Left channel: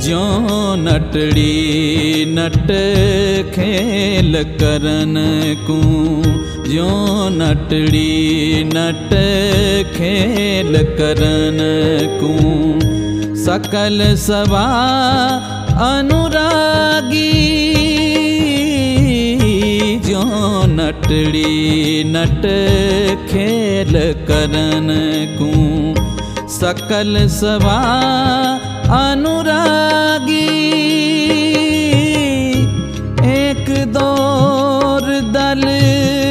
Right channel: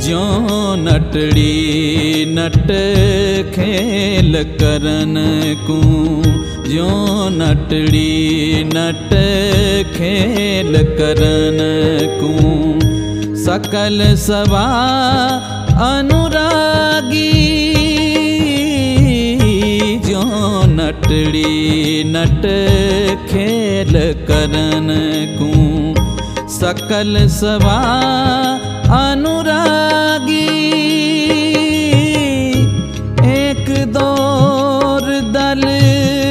ज्यो नटड़ी नट खेल करन को, ज्यो नटड़ी नट खेल करन को, सकल सवा अनुरागी। ज्यो नटड़ी नट खेल करन को, सकल सवा अनुरागी। एक दौर दल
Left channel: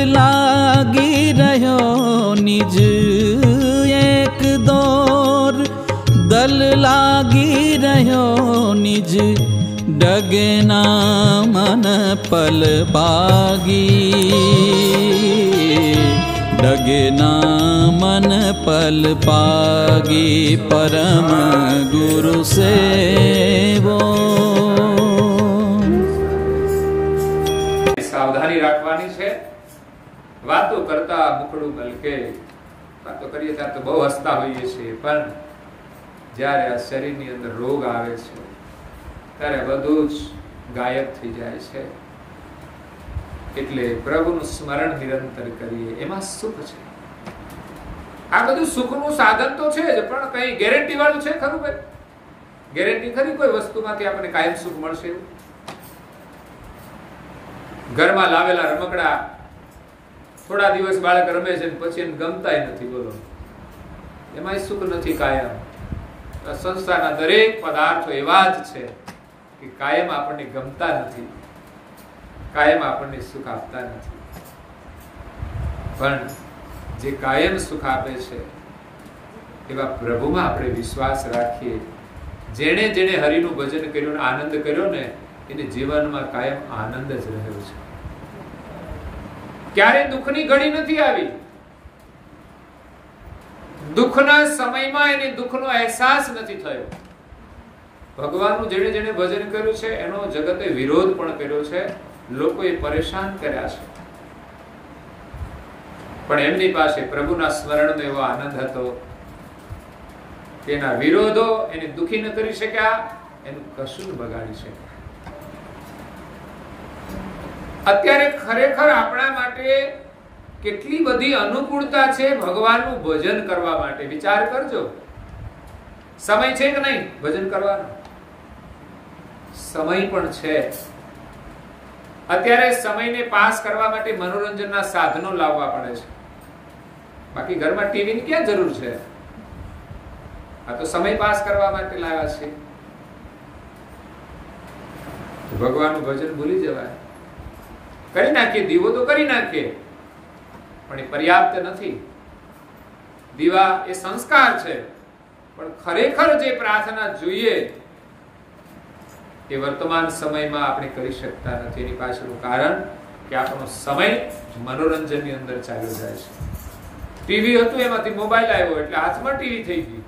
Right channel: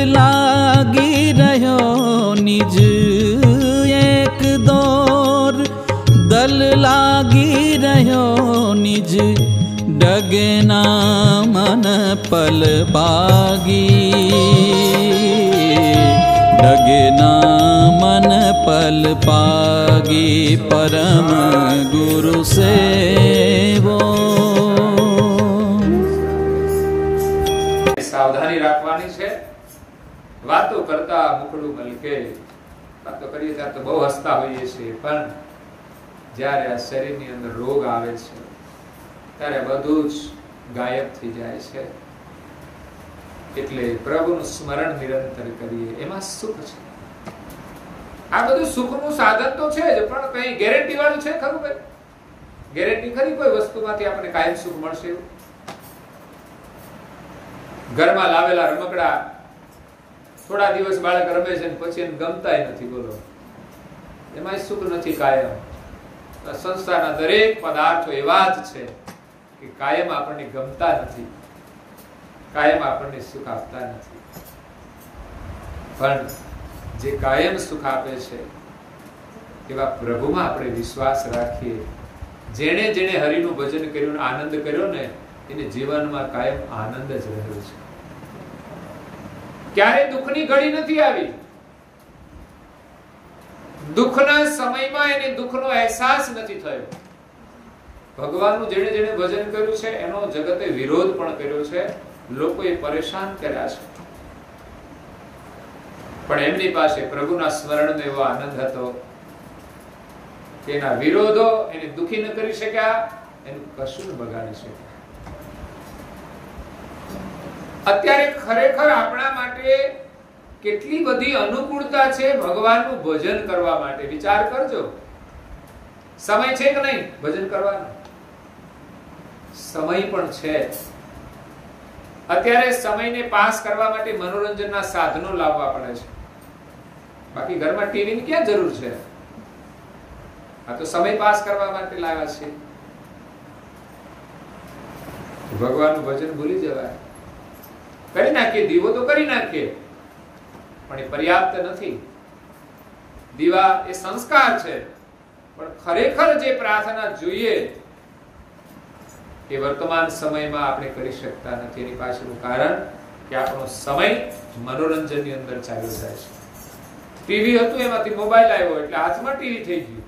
लागी रहो निज, एक दौर दल लागी रहो निज, डगे ना मन पल पागी। डगे ना मन पल पागी, परम गुरु सेवो। सावधानी राखवानी छे। वातो करता मुखड़ू मलके, वातो करीए त्यारे तो बहु हसता होईए छीए, पण ज्यारे आ शरीरनी अंदर रोग आवे छे त्यारे બધું જ ગાયબ થઈ જાય છે। એટલે પ્રભુનું સ્મરણ નિરંતર કરીએ, એમાં સુખ છે। આ બધું સુખનું સાધન તો છે જ, પણ કઈ ગેરંટી વાળું છે ખરું ભાઈ? ગેરંટી ખરી કોઈ વસ્તુમાંથી આપણને કાયમ સુખ મળશે એવું? ઘરમાં લાવેલા રમકડા થોડા દિવસ બાળક રમે છે પછી એને ગમતાય નથી, બોલો એમાંય સુખ નથી કાયમ। સંસારના દરેક પદાર્થો એવા જ છે કે કાયમ આપણને ગમતા નથી, કાયમ આપણને સુખ આપતા નથી। પણ જે કાયમ સુખ આપે છે એવા પ્રભુમાં આપણે વિશ્વાસ રાખીએ। જેણે જેણે હરિનું ભજન કર્યું ને આનંદ કર્યો ને, એને જીવનમાં કાયમ આનંદ જ રહ્યો છે। ક્યારે દુઃખની ઘડી નથી આવી। દુઃખના સમયમાં એને દુઃખનો અહેસાસ નથી થયો। ભગવાનનું જેણે જેણે ભજન કર્યું છે એનો જગતે વિરોધ પણ કર્યો છે, લોકોએ પરેશાન કર્યા છે, પણ એમની પાસે પ્રભુના સ્મરણનો એવો આનંદ હતો કે એના વિરોધો એને દુઃખી ન કરી શક્યા, એનું કશું ન બગાડી શક્યા। અત્યારે ખરેખર આપણા માટે કેટલી બધી અનુકૂળતા છે ભગવાનનું ભજન કરવા માટે, વિચાર કરજો। સમય છે કે નહીં ભજન કરવાનો? સમય પણ છે। અત્યારે સમયને પાસ કરવા માટે મનોરંજનના સાધનો લાવવા પડે છે, બાકી ઘરમાં ટીવીની ક્યાં જરૂર છે? આ તો સમય પાસ કરવા માટે લાવ્યા છે। ભગવાનનું ભજન ભૂલી જવાય, કરી નાખીએ, દીવો તો કરી નાખીએ, પણ એ પર્યાપ્ત નથી। દીવા એ સંસ્કાર છે, પણ ખરેખર જે પ્રાર્થના જોઈએ એ વર્તમાન સમયમાં આપણે કરી શકતા નથી। એની પાછળનું કારણ કે આપણો સમય મનોરંજનની અંદર ચાલ્યો જાય છે। ટીવી હતું એમાંથી મોબાઈલ આવ્યો એટલે હાથમાં ટીવી થઈ ગયું।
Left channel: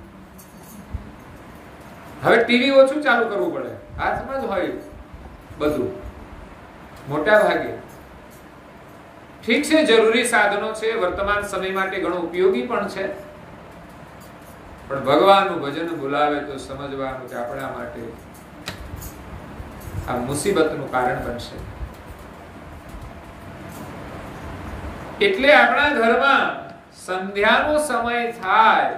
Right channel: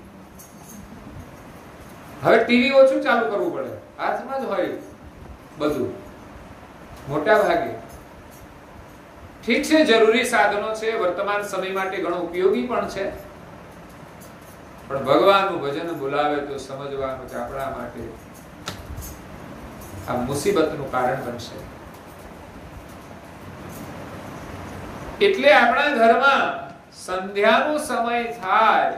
હવે ટીવી ઓછું ચાલુ કરવું પડે, હાથમાં જ હોય બધું મોટા ભાગે। ઠીક છે, જરૂરી સાધનો છે, વર્તમાન સમય માટે ઘણો ઉપયોગી પણ છે, પણ ભગવાનનું ભજન બોલાવે તો સમજવાનું કે આપણા માટે આ મુસીબતનું કારણ બનશે। એટલે આપણા ઘરમાં સંધ્યાનો સમય થાય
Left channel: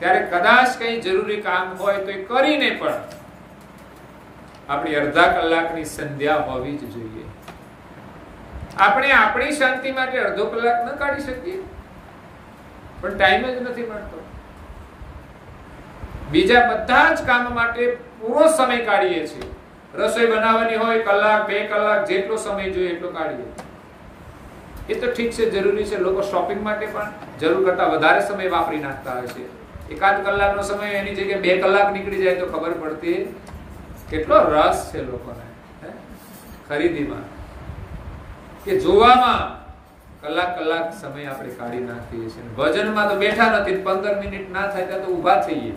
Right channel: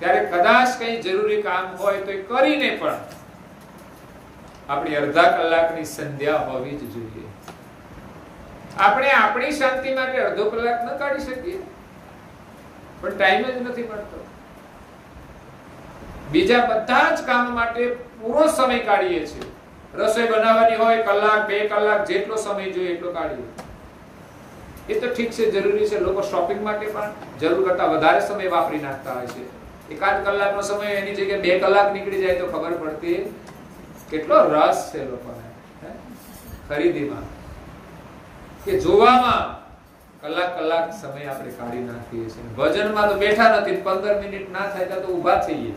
ત્યારે કદાચ કઈ જરૂરી કામ હોય તો એ કરીને પણ આપણી અડધા કલાકની સંધ્યા હોવી જ જોઈએ। આપણે આપણી શાંતિ માટે અડધો કલાક ન કાઢી શકીએ, પણ ટાઈમ જ નથી મળતો। બીજા બધા જ કામ માટે પૂરો સમય કાઢીએ છીએ। રસોઈ બનાવવાની હોય કલાક 2 કલાક જેટલો સમય જોઈએ એટલો કાઢીએ, એ તો ઠીક છે, જરૂરી છે। લોકો શોપિંગ માટે પણ જરૂર કરતા વધારે સમય વાપરી નાખતા હોય છે। 1 કલાકનો સમય એની જગ્યાએ 2 કલાક નીકળી જાય તો ખબર પડતી કેટલો રસ છે લોકોને ખરીદીમાં કે જોવામાં। કલાક સમય આપણે કાઢી નાખીએ છીએ। ભજનમાં તો બેઠા નથી, 15 મિનિટ ના થાય તો ઊભા થઈએ।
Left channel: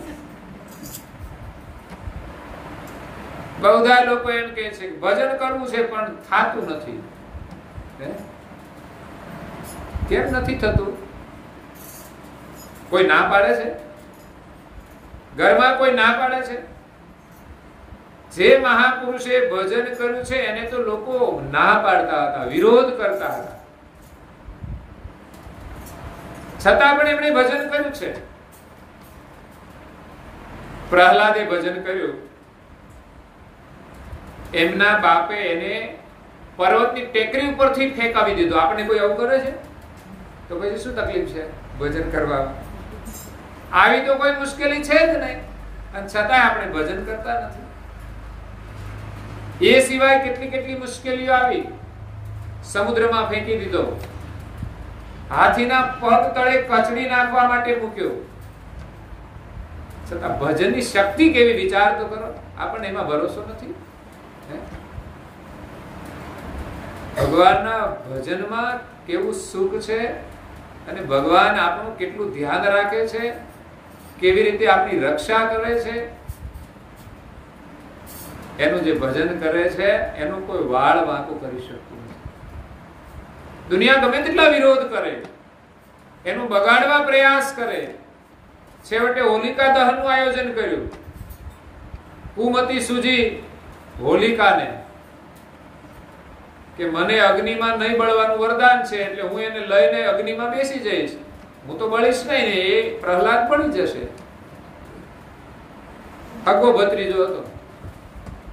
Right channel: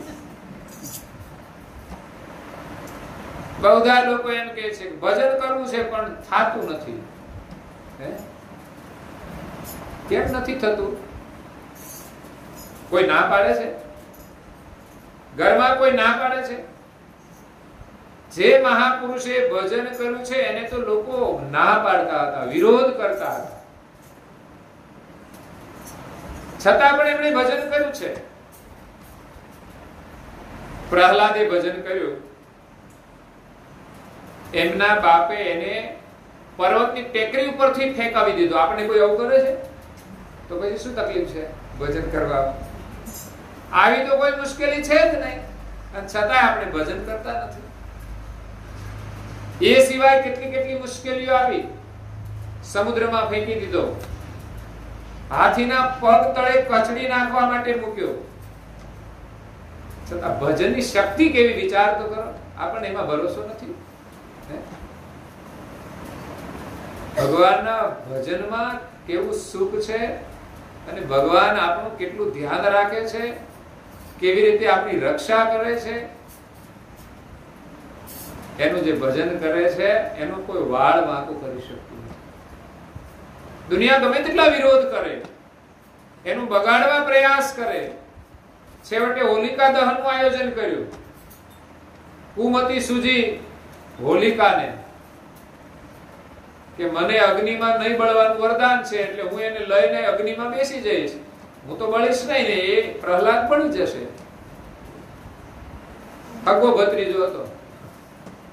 બધા લોકો એમ કહે છે કે ભજન કરવું છે પણ થાતું નથી। કેમ નથી થતું? કોઈ ના પાડે છે? ઘરમાં કોઈ ના પાડે છે? જે મહાપુરુષે ભજન કર્યું છે એને તો લોકો ના પાડતા હતા, વિરોધ કરતા હતા, છતાં પણ એમણે ભજન કર્યું છે. પ્રહલાદે ભજન કર્યું. એમના બાપે એને પર્વતની ટેકરી ઉપરથી ફેંકાવી દીધો. આપણે કોઈ આવું કરે છે તો પછી શું તકલીફ છે ભજન કરવા? આવી તો કોઈ મુશ્કેલી છે જ નહીં, અને છતાંય આપણે ભજન કરતા નથી. એ સિવાય કેટલી કેટલી મુશ્કેલીઓ આવી. સમુદ્રમાં ફેંકી દીધો, હાથીના પગ તળે કચડી નાખવા માટે મૂક્યો, છતાં ભજનની શક્તિ કેવી વિચાર તો કરો. આપણને એમાં ભરોસો નથી. ભગવાનના ભજનમાં કેવું સુખ છે, અને ભગવાન આપણું કેટલું ધ્યાન રાખે છે, કેવી રીતે આપણી રક્ષા કરે છે. એનું જે ભજન કરે છે એનું કોઈ વાળ વાંકો કરી શકતું નથી. દુનિયા ગમે તેટલા વિરોધ કરે, એનું બગાડવા પ્રયાસ કરે, છેવટે હોલિકા દહનનું આયોજન કર્યું. કુમતી સૂજી હોલિકાને કે મને અગ્નિમાં નહીં બળવાનું વરદાન છે, એટલે હું એને લઈને અગ્નિમાં બેસી જઈશ, હું તો બળીશ નહીં ને એ પ્રહલાદ બળી જશે. હગો ભત્રીજો હતો.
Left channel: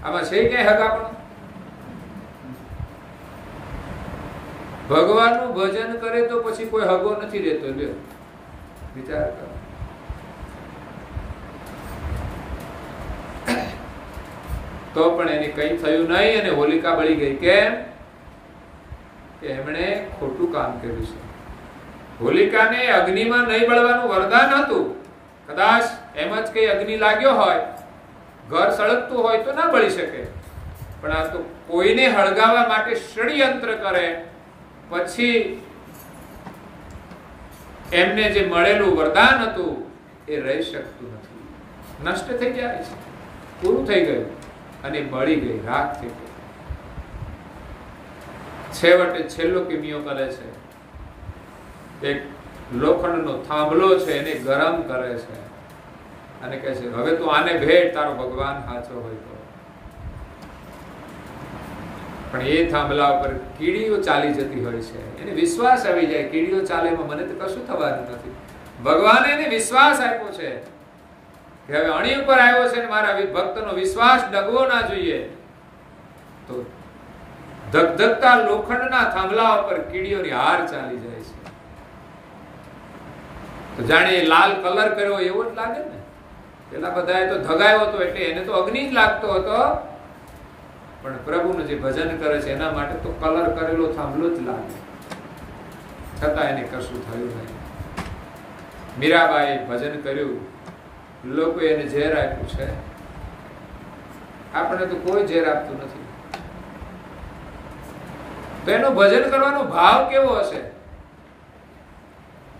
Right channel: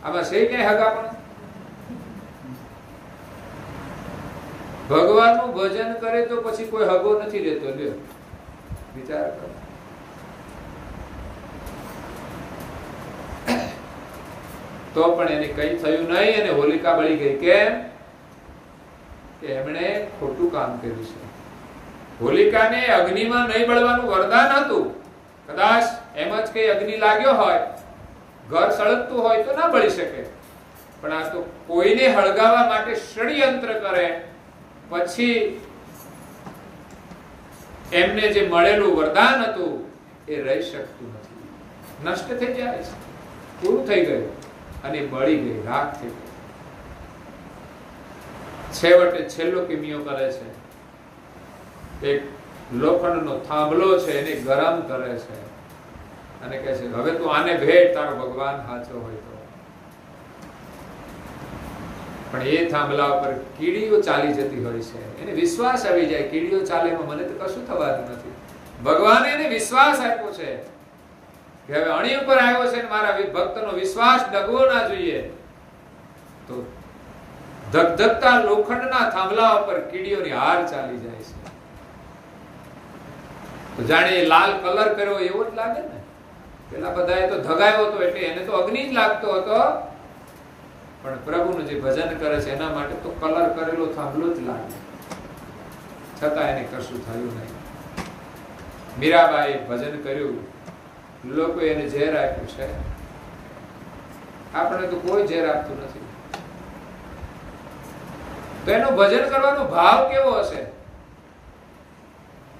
આમાં છે ક્યાંય હગાપણું? ભગવાનનું ભજન કરે તો પછી કોઈ હગો નથી રહેતો. લ્યો વિચાર કરો. તો પણ એને કઈ થયું નહીં અને હોલિકા બળી ગઈ. કેમ? કે એમણે ખોટું કામ કર્યું છે. હોલિકાને અગ્નિમાં નહીં બળવાનું વરદાન હતું. કદાચ એમ જ કઈ અગ્નિ લાગ્યો હોય, ઘર સળગતું હોય તો ના બળી શકે, પણ આ તો કોઈને હળગાવવા માટે ષડયંત્ર કરે, પછી એમને જે મળેલું વરદાન હતું એ રહી શકતું નથી, નષ્ટ થઈ જાય છે, પૂરું થઈ ગયું અને બળી ગઈ, રાખ થઈ ગઈ. છેવટે છેલ્લો કિમિયો કરે છે. એક લોખંડનો થાંભલો છે એને ગરમ કરે છે અને કહે છે હવે તું આને ભેટ, તારો ભગવાન સાચો હોય તો. પણ એ થાંભલા ઉપર કીડીઓ ચાલી જતી હોય છે. એને વિશ્વાસ આવી જાય કીડીઓ ચાલે એમાં મને તો કશું થવાનું નથી. ભગવાને એને વિશ્વાસ આપ્યો છે કે હવે અણી ઉપર આવ્યો છે, મારા ભક્તનો વિશ્વાસ ડગવો ના જોઈએ. તો ધગધગતા લોખંડના થાંભલા ઉપર કીડીઓની હાર ચાલી જાય છે. તો જાણે એ લાલ કલર કર્યો એવો જ લાગે ને. પેલા બધાએ તો ધગાયો હતો એટલે એને તો અગ્નિ જ લાગતો હતો, પણ પ્રભુનું જે ભજન કરે છે એના માટે તો કલર કરેલો થાંભલો જ લાગે, છતાં એને કશું થયું નહીં. મીરાબાઈએ ભજન કર્યું, લોકો એને ઝેર આપ્યું છે. આપણે તો કોઈ ઝેર આપતું નથી. તો એનું ભજન કરવાનો ભાવ કેવો હશે?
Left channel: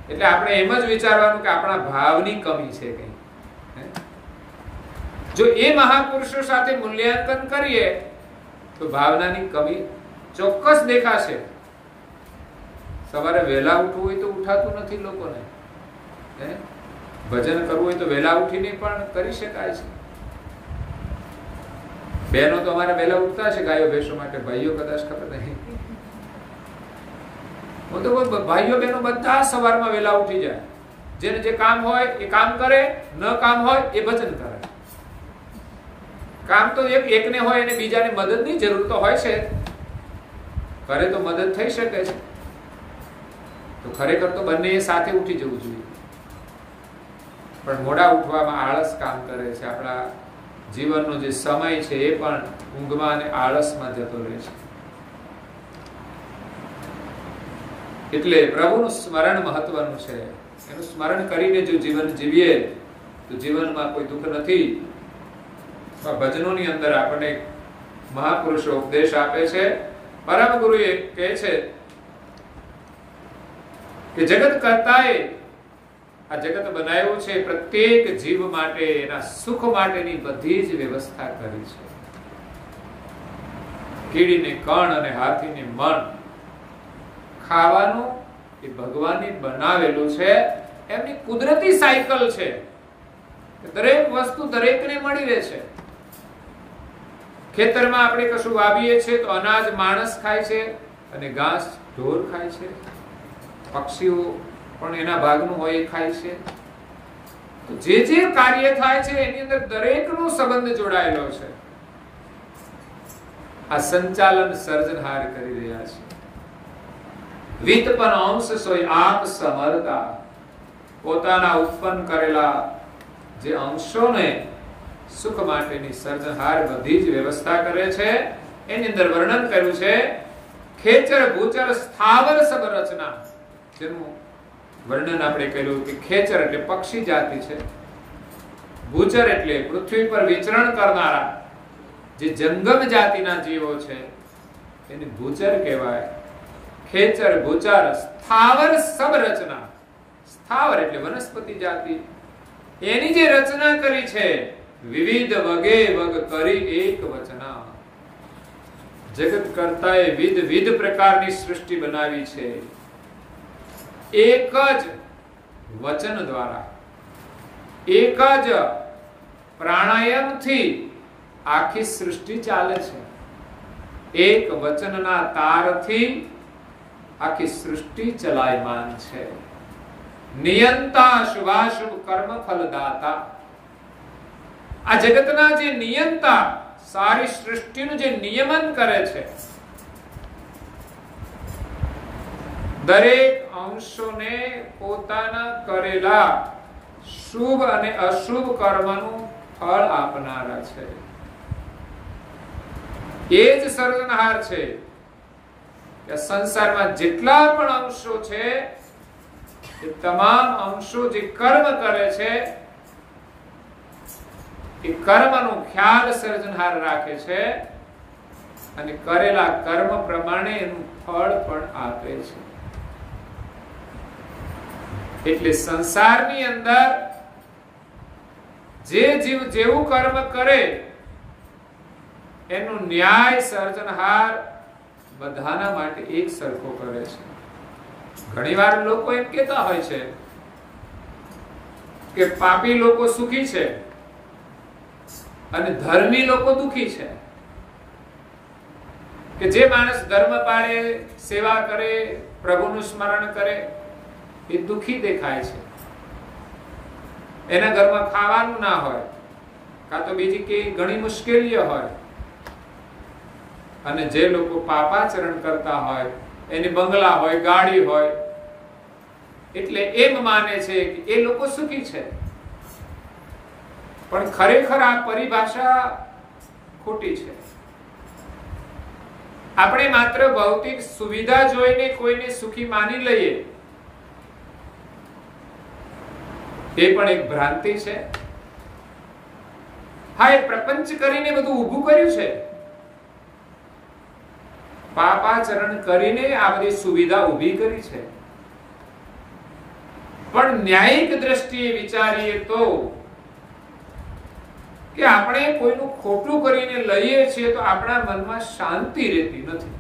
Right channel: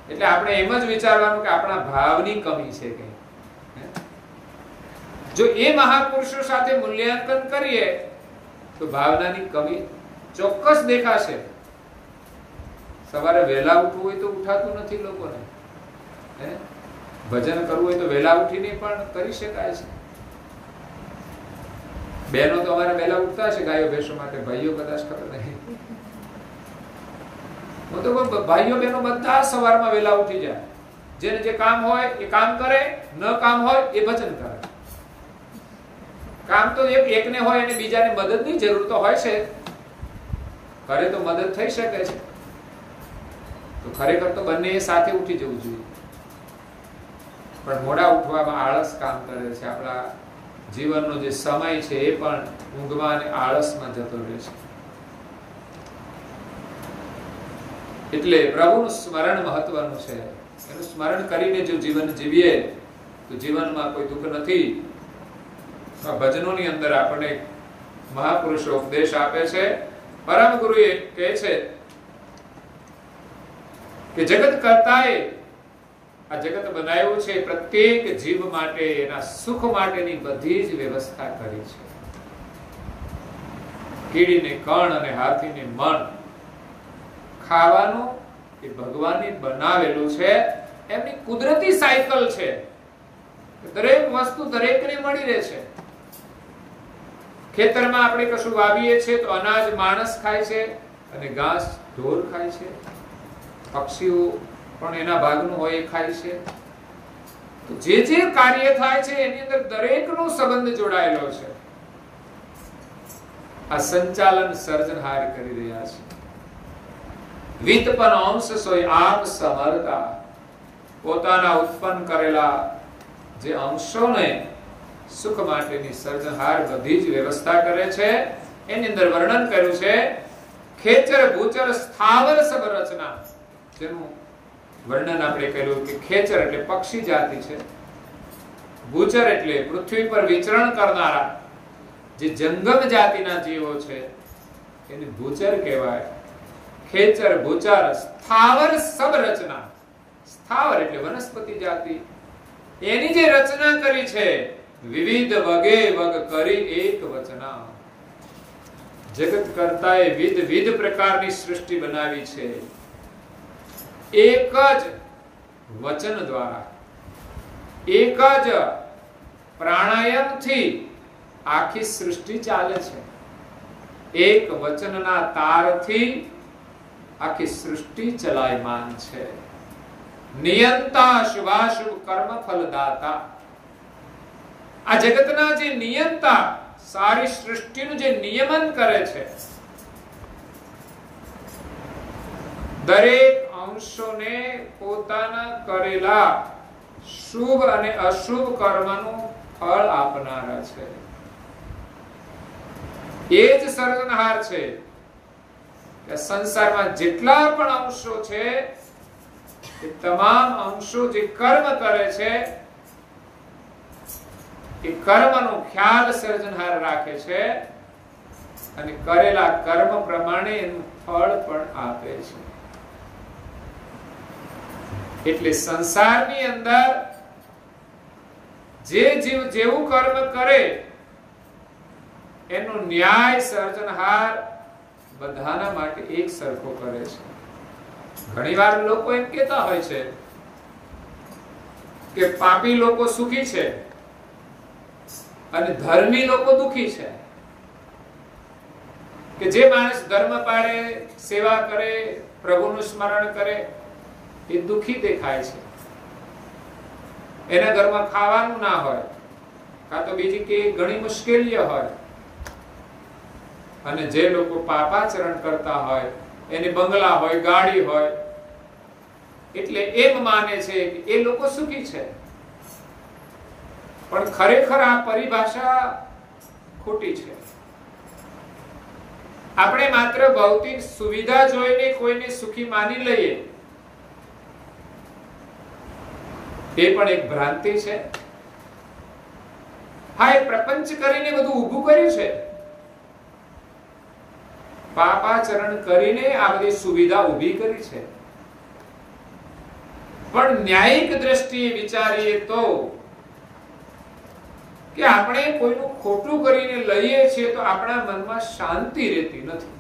એટલે આપણે એમ જ વિચારવાનું કે આપણા ભાવની કમી છે કઈ. જો એ મહાપુરુષો સાથે મૂલ્યાંકન કરીએ તો ભાવનાની કમી ચોક્કસ દેખાશે. સવારે વહેલા ઉઠવું હોય તો ઉઠાતું નથી લોકોને. ભજન કરવું હોય તો વહેલા ઉઠીને પણ કરી શકાય છે. બહેનો તો અમારે વહેલા ઉઠતા છે ગાયો ભેંસો માટે, ભાઈઓ કદાચ ખબર નહીં. હું તો ભાઈઓ બહેનો બધા સવારમાં વહેલા ઉઠી જાય. જેને જે કામ હોય એ કામ કરે, ન કામ હોય એ ભજન કરે. કામ તો એકને હોય અને બીજાને મદદની જરૂર તો હોય છે, કરે તો મદદ થઈ શકે છે. તો ખરેખર તો બંને સાથે ઉઠી જવું જોઈએ. પણ મોડા ઉઠવામાં આળસ કામ કરે છે. આપણા જીવનનો જે સમય છે એ પણ ઊંઘમાં અને આળસમાં જતો રહે છે. એટલે પ્રભુનું સ્મરણ મહત્વનું છે. એનું સ્મરણ કરીને જો જીવન જીવીએ તો જીવનમાં કોઈ દુઃખ નથી. ભજનોની અંદર આપણને મહાપુરુષો ઉપદેશ આપે છે. પરમ ગુરુએ કહે છે કે જગત કર્તાએ આ જગત બનાવ્યું છે, પ્રત્યેક જીવ માટે એના સુખ માટેની બધી જ વ્યવસ્થા કરી છે. કીડીને કણ અને હાથીને મણ ખાવાનું એ ભગવાને બનાવેલું છે. એમની કુદરતી સાયકલ છે. દરેક વસ્તુ દરેકને મળી રહે છે. ખેતરમાં આપણે કશું વાવીએ છીએ તો અનાજ માણસ ખાય છે અને ઘાસ ઢોર ખાય છે. પક્ષીઓ પણ એના ભાગનું હોય એ ખાય છે. તો જે જે કાર્ય થાય છે એની અંદર દરેકનો સંબંધ જોડાયેલો છે. આ સંચાલન સર્જનહાર કરી રહ્યા છે. વિતપન અંશ સોય આપ સમરતા, પોતાના ઉત્પન્ન કરેલા જે અંશોને સુખ માટેની સર્જનહાર બધી જ વ્યવસ્થા કરે છે. એની અંદર વર્ણન કર્યું છે ખેચર ભૂચર સ્થાવર સબ રચના, જેનું વર્ણન આપણે કર્યું કે ખેચર એટલે પક્ષી જાતિ છે, ભૂચર એટલે પૃથ્વી પર વિચરણ કરનારા જે જંગમ જાતિના જીવો છે એને ભૂચર કહેવાય. ખેચર ભૂચર સ્થાવર સબ રચના, સ્થાવર એટલે વનસ્પતિ જાતિ, એની જે રચના કરી છે વિવિધ વગે વગ કરી એક વચના. જગત કરતાએ વિધ પ્રકારની સૃષ્ટિ બનાવી છે. એક જ વચન દ્વારા, એક જ પ્રાણાયામથી આખી સૃષ્ટિ ચાલે છે. એક વચનના તારથી આખી સૃષ્ટિ ચલાયમાન છે. નિયંતા શુભાશુભ કર્મ ફલદાતા, આ જગતના જે નિયંતા, સારી સૃષ્ટિનું જે નિયમન કરે છે, દરેક અંશોને પોતાના કરેલા શુભ અને અશુભ કર્મનું ફળ આપનારા છે. એ જ સર્જનહાર છે કે સંસારમાં જેટલા પણ અંશો છે એ તમામ અંશો જે કર્મ કરે છે એ કર્મનો ખ્યાલ સર્જનહાર રાખે છે અને કરેલા કર્મ પ્રમાણે એનું ફળ પણ આપે છે. એટલે સંસારની અંદર જે જીવ જેવું કર્મ કરે એનો ન્યાય સર્જનહાર બધાના માટે એક સરખો કરે છે. ઘણીવાર લોકો એમ કહેતા હોય છે કે પાપી લોકો સુખી છે અને ધર્મી લોકો દુખી છે. કે જે માણસ ધર્મ પાળે, સેવા કરે, પ્રભુનું સ્મરણ કરે એ દુખી દેખાય છે. એના ઘરમાં ખાવાનું ના હોય, કાં તો બીજી કે ઘણી મુશ્કેલીઓ હોય. અને જે લોકો પાપાચરણ કરતા હોય એને બંગલા હોય, ગાડી હોય, એટલે એમ માને છે કે એ લોકો સુખી છે. પણ ખરેખર આ પરિભાષા ખોટી છે. આપણે માત્ર ભૌતિક સુવિધા જોઈને કોઈને સુખી માની લઈએ એ પણ એક ભ્રાંતિ છે. હા, એ પ્રપંચ કરીને બધું ઊભું કર્યું છે, પાપાચરણ કરીને આ બધી સુવિધા ઊભી કરી છે. પણ ન્યાયિક દ્રષ્ટિએ વિચારીએ તો કે આપણે કોઈનું ખોટું કરીને લઈએ છીએ તો આપણા મનમાં શાંતિ રહેતી નથી.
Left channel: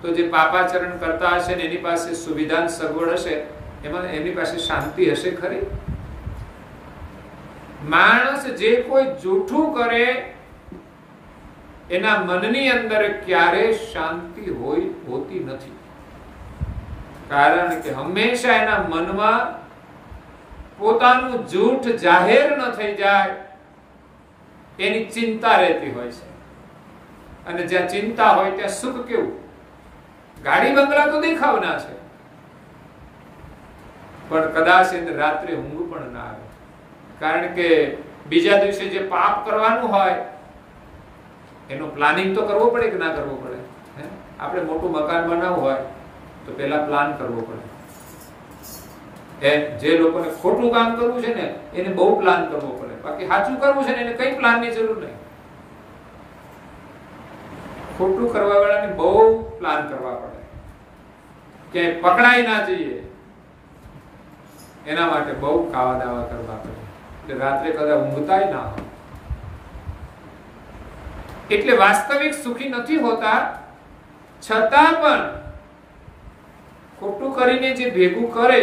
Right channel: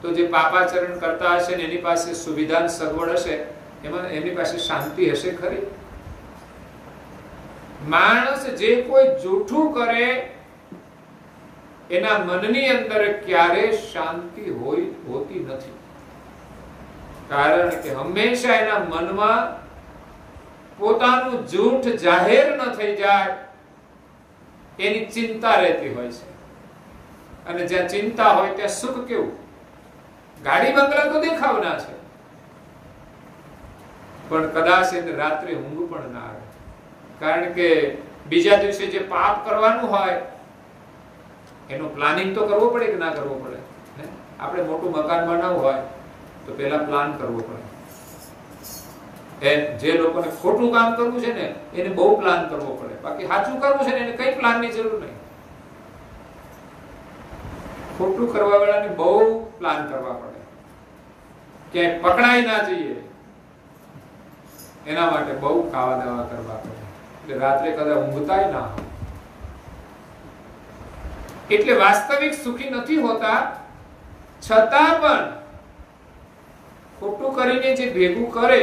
તો જે પાપાચરણ કરતા હશે ને એની પાસે સુવિધા સગવડ હશે, એમાં એમની પાસે શાંતિ હશે ખરી? માણસ જે કોઈ જૂઠું કરે એના મનની અંદર ક્યારે શાંતિ હોતી નથી. કારણ કે હંમેશા એના મનમાં પોતાનું જૂઠ જાહેર ન થઈ જાય એની ચિંતા રહેતી હોય છે. અને જ્યાં ચિંતા હોય ત્યાં સુખ કેવું? ગાડી બંગલા તો દેખાવના છે, પણ કદાચ એને રાત્રે ઊંઘ પણ ના આવે. કારણ કે બીજા દિવસે જે પાપ કરવાનું હોય એનું પ્લાનિંગ તો કરવો પડે કે ના કરવો પડે? આપણે મોટું મકાન બનાવવું હોય તો પેલા પ્લાન કરવો પડે. જે લોકોને ખોટું કામ કરવું છે ને એને બહુ પ્લાન કરવો પડે. બાકી સાચું કરવું છે ને એને કઈ પ્લાનની જરૂર નહીં. ખોટું કરવા વાળાને બહુ પ્લાન કરવા પડે, ક્યાંય પકડાઈ ના જઈએ એના માટે બહુ કાવા દાવા કરવા પડે. એટલે રાત્રે કદાચ ઊંઘતાય ના હોય. એટલે વાસ્તવિક સુખી નથી હોતા, છતાં પણ ખોટું કરીને જે ભેગું કરે,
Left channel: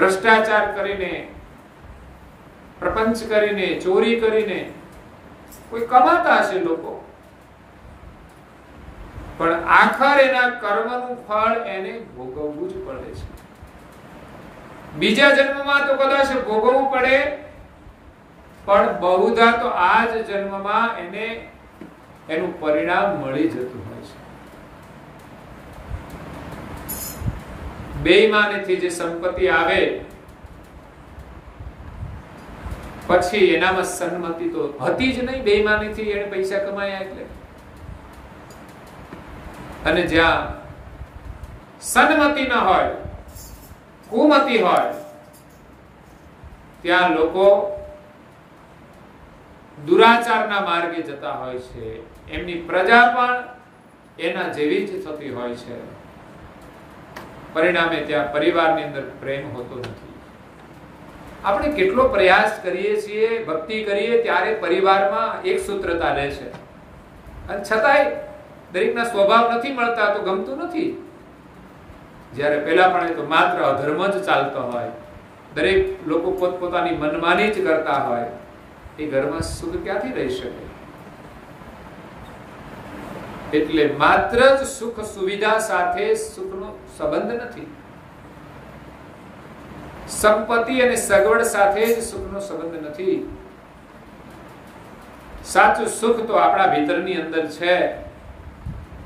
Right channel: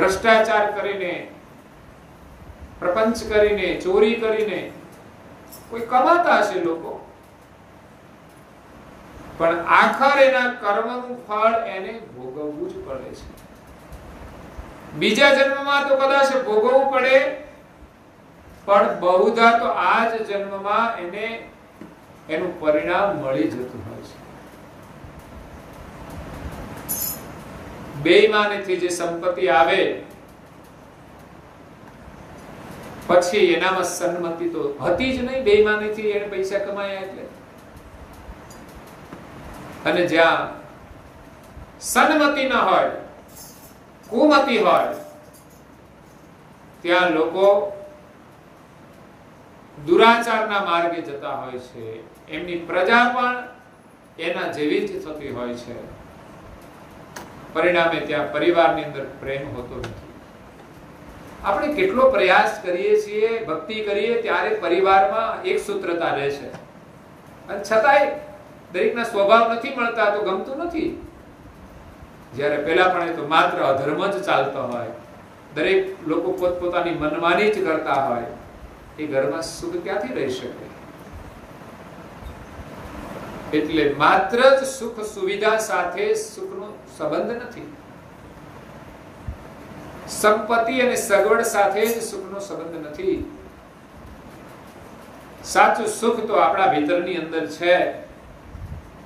ભ્રષ્ટાચાર કરીને, પ્રપંચ કરીને, ચોરી કરીને કોઈ કમાતા હશે લોકો, પણ આખર એના કર્મનું ફળ એને ભોગવવું જ પડે છે. બીજા જન્મમાં તો કદાચ ભોગવવું પડે, પણ બહુધા તો આ જ જન્મમાં એને એનું પરિણામ મળી જતું હોય છે. બેઈમાનીથી જે સંપત્તિ આવે પછી એનામાં સન્મતિ તો હતી જ નહીં. બેઈમાનીથી એને પૈસા કમાયા એટલે. અને જ્યાં સન્મતિ ન હોય, કુમતિ હોય, ત્યાં લોકો દુરાચારના માર્ગે જતા હોય છે. એમની પ્રજા પણ એના જેવી જ થતી હોય છે. પરિણામે ત્યાં પરિવારની અંદર પ્રેમ હોતો નથી. આપણે કેટલો પ્રયાસ કરીએ છીએ, ભક્તિ કરીએ ત્યારે પરિવારમાં એક સૂત્રતા રહે છે, અને છતાંય દરેકના સ્વભાવ નથી મળતા તો ગમતું નથી. જ્યારે પહેલા પણ એ તો માત્ર અધર્મ જ ચાલતો હોય, દરેક લોકો પોતપોતાની મનમાની જ કરતા હોય, એ ઘરમાં સુખ ક્યાંથી રહી શકે? એટલે માત્ર જ સુખ સુવિધા સાથે સુખનો સંબંધ નથી. સંપત્તિ અને સગવડ સાથે જ સુખનો સંબંધ નથી. સાચું સુખ તો આપણા ભીતરની અંદર છે,